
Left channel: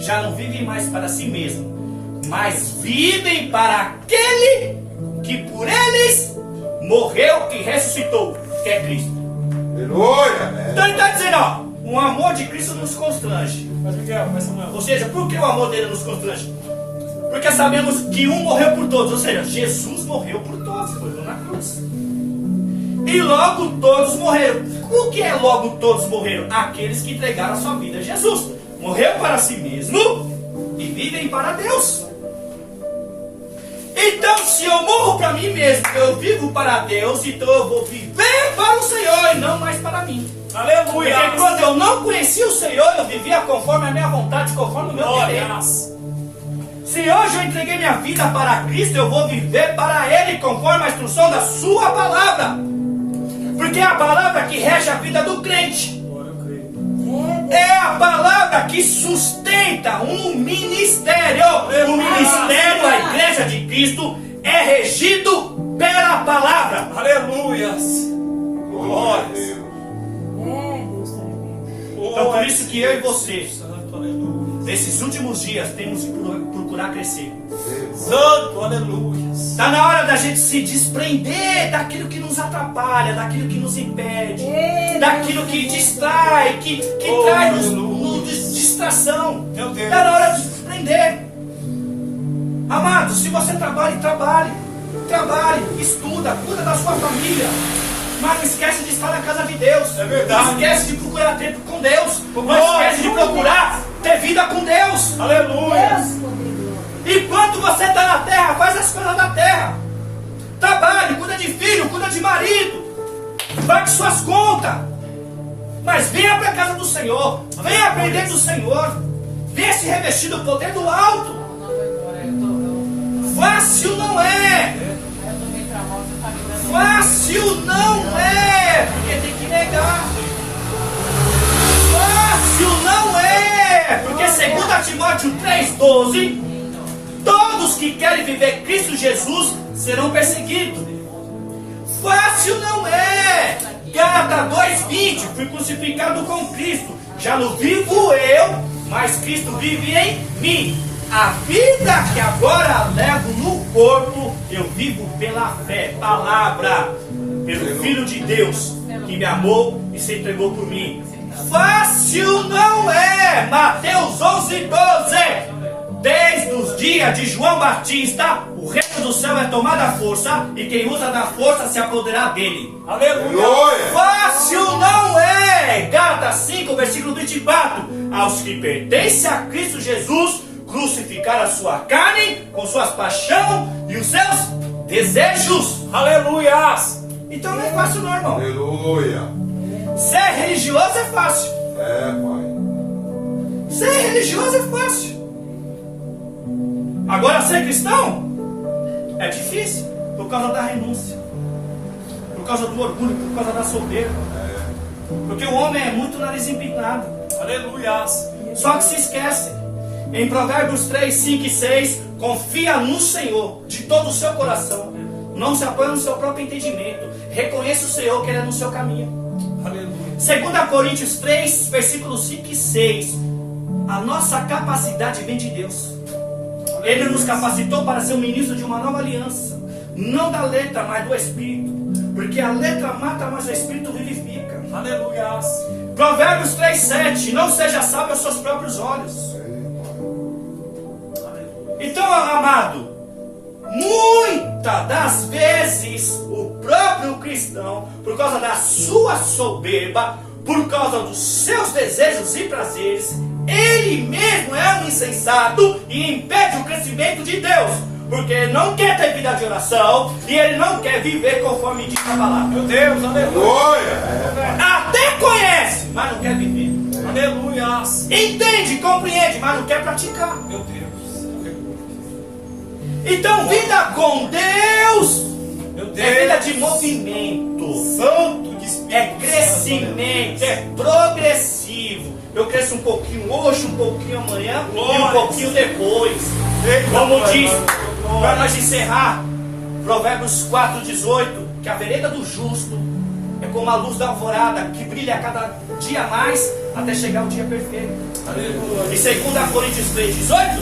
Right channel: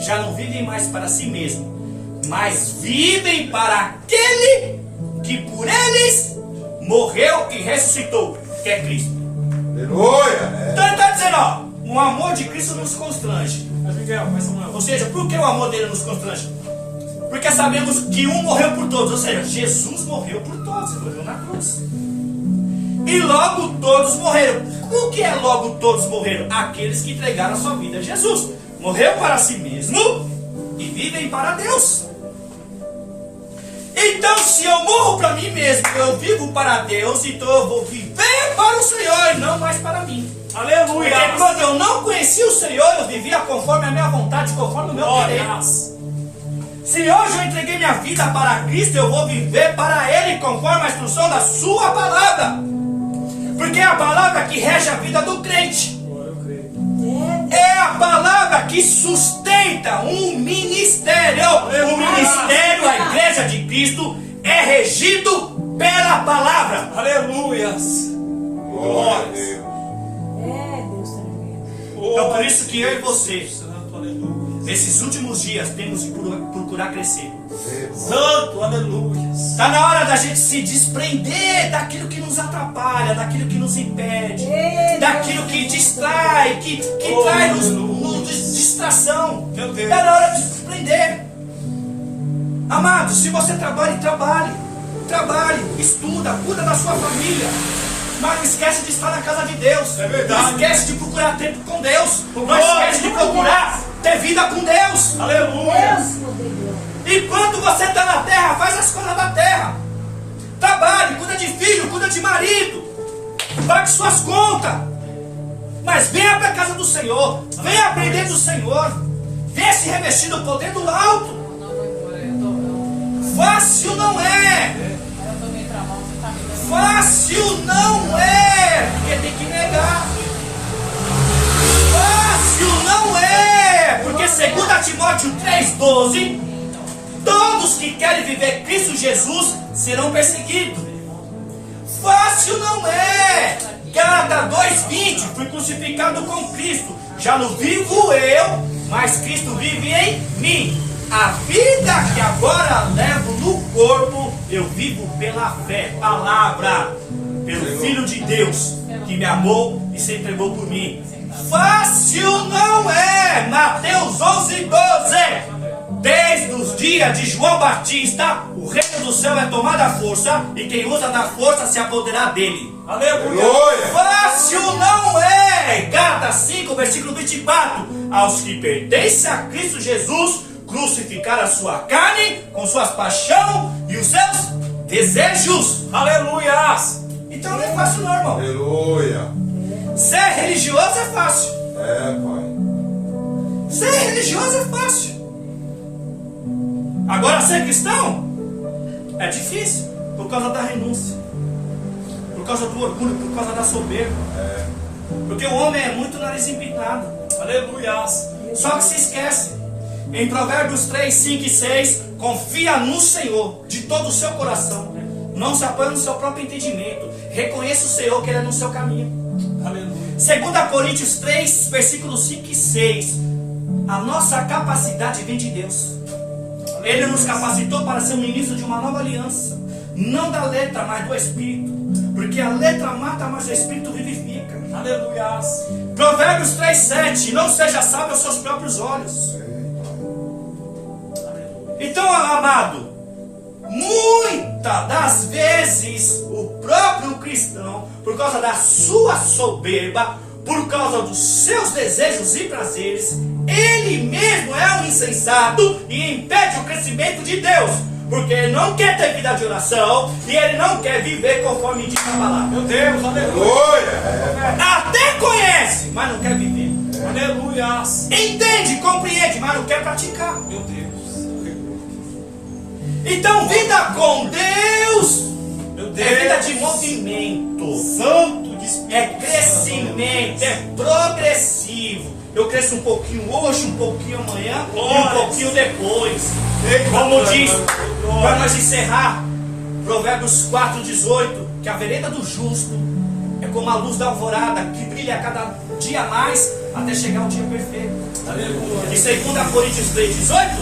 já não vivem mais para si mesmo, mas vivem para aquele que por eles morreu e ressuscitou, que é Cristo. Aleluia! Então ele está dizendo, ó, o amor de Cristo nos constrange. Mas Miguel, mas Samuel. Ou seja, por que o amor dele nos constrange? Porque sabemos que um morreu por todos, ou seja, Jesus morreu por todos, morreu na cruz. E logo todos morreram. O que é logo todos morreram? Aqueles que entregaram a sua vida a Jesus. Morreu para si mesmo e vivem para Deus. Então, se eu morro para mim mesmo, eu vivo para Deus, então eu vou viver para o Senhor e não mais para mim. Aleluia! Porque quando eu não conhecia o Senhor, eu vivia conforme a minha vontade, conforme o meu querer. Glória! Se hoje eu entreguei minha vida para Cristo, eu vou viver para Ele, conforme a instrução da sua palavra. Porque é a palavra que rege a vida do crente. Glória, eu creio. É a palavra que sustenta um ministério. O ministério, a igreja de Cristo, é regido pela palavra. Aleluias! Glória a Deus! É, Deus tremendo. Então por isso que eu e você, Santo, aleluia! nesses últimos dias, temos que procurar crescer. Santo, aleluia! Está na hora da gente se desprender daquilo que nos atrapalha, daquilo que nos impede, daquilo que distrai, que traz distração. Meu Deus. Está na hora de se desprender. Amado, se você trabalha, trabalhe, estuda, cuida da sua família. Mas não esquece de estar na casa de Deus. É verdade. Não esquece de procurar tempo com Deus. Não Glória. esquece de procurar ter vida com Deus. Aleluia! Deus poderoso. Enquanto você está na terra, faz as coisas da terra. Trabalhe, cuida de filho, cuida de marido. Pague suas contas. Mas venha para a casa do Senhor. Venha aprender do Senhor. Venha se revestir do poder do alto. Fácil não é. Fácil não é. Porque tem que negar. Fácil não é. Porque 2 Timóteo 3,12, todos que querem viver Cristo Jesus serão perseguidos. Fácil não é. Gálatas 2,20, fui crucificado com Cristo. Já não vivo eu, mas Cristo vive em mim. A vida que agora levo no corpo, eu vivo pela fé, palavra, pelo Filho de Deus, que me amou e se entregou por mim. Fácil não é. Mateus 11:12. Desde os dias de João Batista, o reino do céu é tomado à força, e quem usa da força se apoderar dele. Aleluia! Fácil não é. Gálatas 5, versículo 24. Aos que pertencem a Cristo Jesus, crucificar a sua carne com suas paixões e os seus desejos. Aleluias! Então não é fácil não, irmão. Aleluia. Ser religioso é fácil. É, Pai. Ser religioso é fácil. Agora ser cristão é difícil por causa da renúncia, por causa do orgulho, por causa da soberba. Porque o homem é muito nariz empinado. Aleluia. Só que se esquece. Em Provérbios 3, 5 e 6, confia no Senhor de todo o seu coração. Não se apoia no seu próprio entendimento. Reconheça o Senhor que Ele é no seu caminho. Aleluia. 2 Coríntios 3, versículos 5 e 6. A nossa capacidade vem de Deus. Ele nos capacitou para ser um ministro de uma nova aliança. Não da letra, mas do Espírito. Porque a letra mata, mas o Espírito vivifica. Aleluia. Provérbios 3, 7. Não seja sábio aos seus próprios olhos. Então, amado, muitas das vezes o próprio cristão, por causa da sua soberba, por causa dos seus desejos e prazeres, ele mesmo é um insensato e impede o crescimento de Deus, porque ele não quer ter vida de oração e ele não quer viver conforme diz a palavra. Meu Deus, aleluia. Até conhece, mas não quer viver. Aleluia. Entende, compreende, mas não quer praticar. Meu Deus. Então, vida com Deus é vida de movimento, santo, é crescimento, é progressivo. Eu cresço um pouquinho hoje, um pouquinho amanhã e um pouquinho depois. Como diz, para nós encerrar, Provérbios 4, 18, que a vereda do justo é como a luz da alvorada, que brilha a cada dia mais, até chegar o dia perfeito. E 2 Coríntios 3, 18,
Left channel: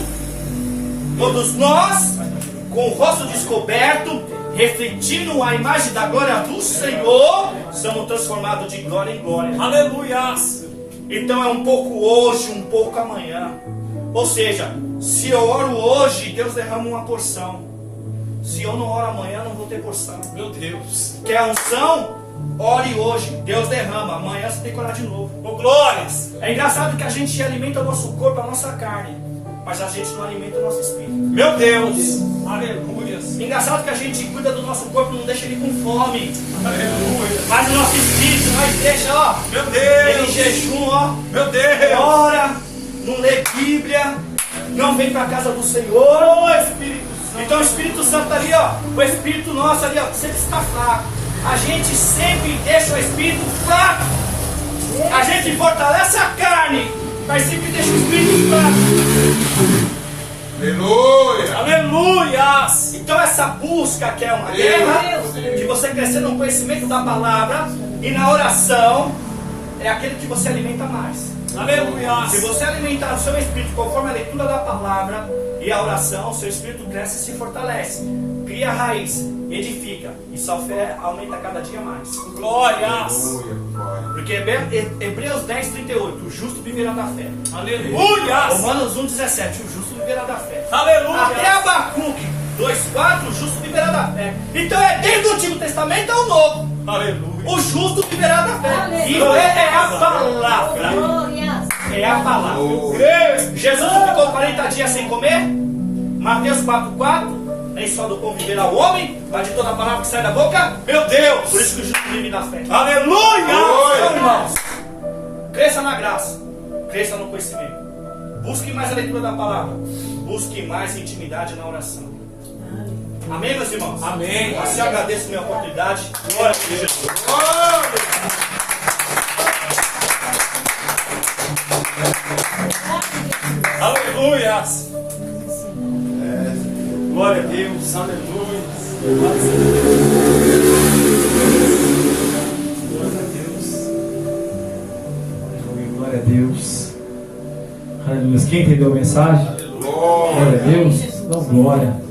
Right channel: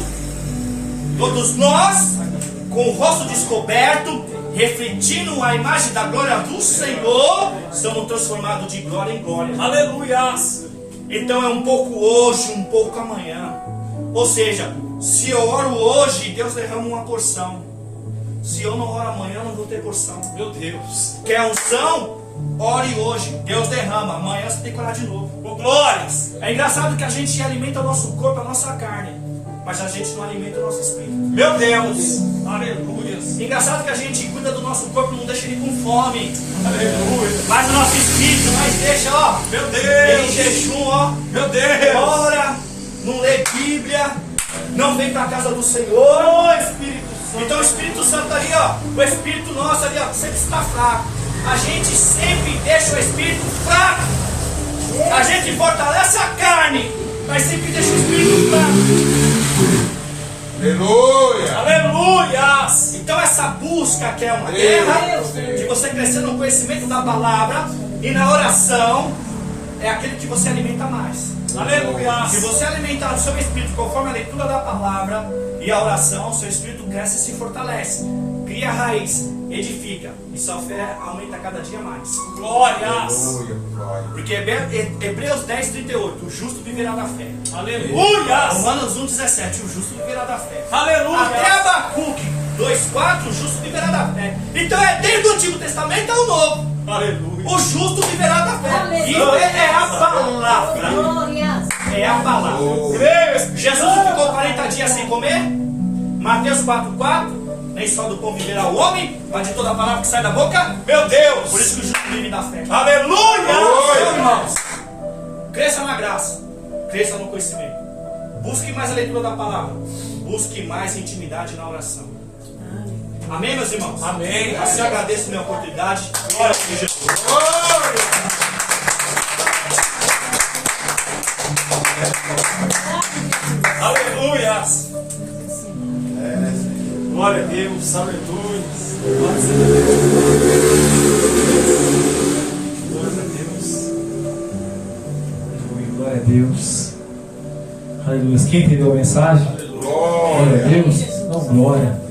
todos nós, com o rosto descoberto, refletindo a imagem da glória do Senhor, somos transformados de glória em glória. Aleluia! Então é um pouco hoje, um pouco amanhã. Ou seja, se eu oro hoje, Deus derrama uma porção. Se eu não oro amanhã, não vou ter porção. Meu Deus! Quer unção? Ore hoje, Deus derrama. Amanhã você tem que orar de novo. Oh, glórias! É engraçado que a gente alimenta o nosso corpo, a nossa carne, mas a gente não alimenta o nosso espírito. Meu Deus! Aleluia! Engraçado que a gente cuida do nosso corpo, não deixa ele com fome. Aleluia! Mas o nosso espírito, nós deixa, ó. Meu Deus! Ele em jejum, ó. Meu Deus! Ora, não lê Bíblia, não vem para a casa do Senhor. Oh, Espírito Santo! Então o Espírito Santo ali, ó. O Espírito nosso ali, ó, sempre está fraco. A gente sempre deixa o Espírito fraco. A gente fortalece a carne, mas sempre deixa o Espírito fraco. Aleluia! Aleluia! Então essa busca que é uma guerra, de você crescer no conhecimento da palavra e na oração, é aquele que você alimenta mais. Aleluia! Se você alimentar o seu espírito conforme a leitura da palavra e a oração, seu espírito cresce e se fortalece. Cria raiz, edifica, e sua fé aumenta cada dia mais. Glórias! Porque Hebreus 10, 38, o justo viverá da fé. Aleluia! Romanos 1, 17, o justo viverá da fé. Aleluia! Até Abacuque 2, 4, o justo viverá da fé. Então é desde o Antigo Testamento ao Novo. Aleluia! O justo viverá da fé. E é a palavra. É a palavra. Jesus ficou 40 dias sem comer. Mateus 4, 4. Nem só do pão viverá o homem, mas de toda a palavra que sai da boca. Meu Deus! Por isso que o justo vive da fé. Aleluia! Então, irmãos, cresça na graça, cresça no conhecimento. Busque mais a leitura da palavra. Busque mais intimidade na oração. Amém, meus irmãos? Amém. Assim eu agradeço a minha oportunidade. Glória a Jesus. Aleluia! Glória a Deus, aleluia. Glória a Deus. Glória a Deus. Aleluia. Quem entendeu a mensagem? Glória a Deus. Não, glória.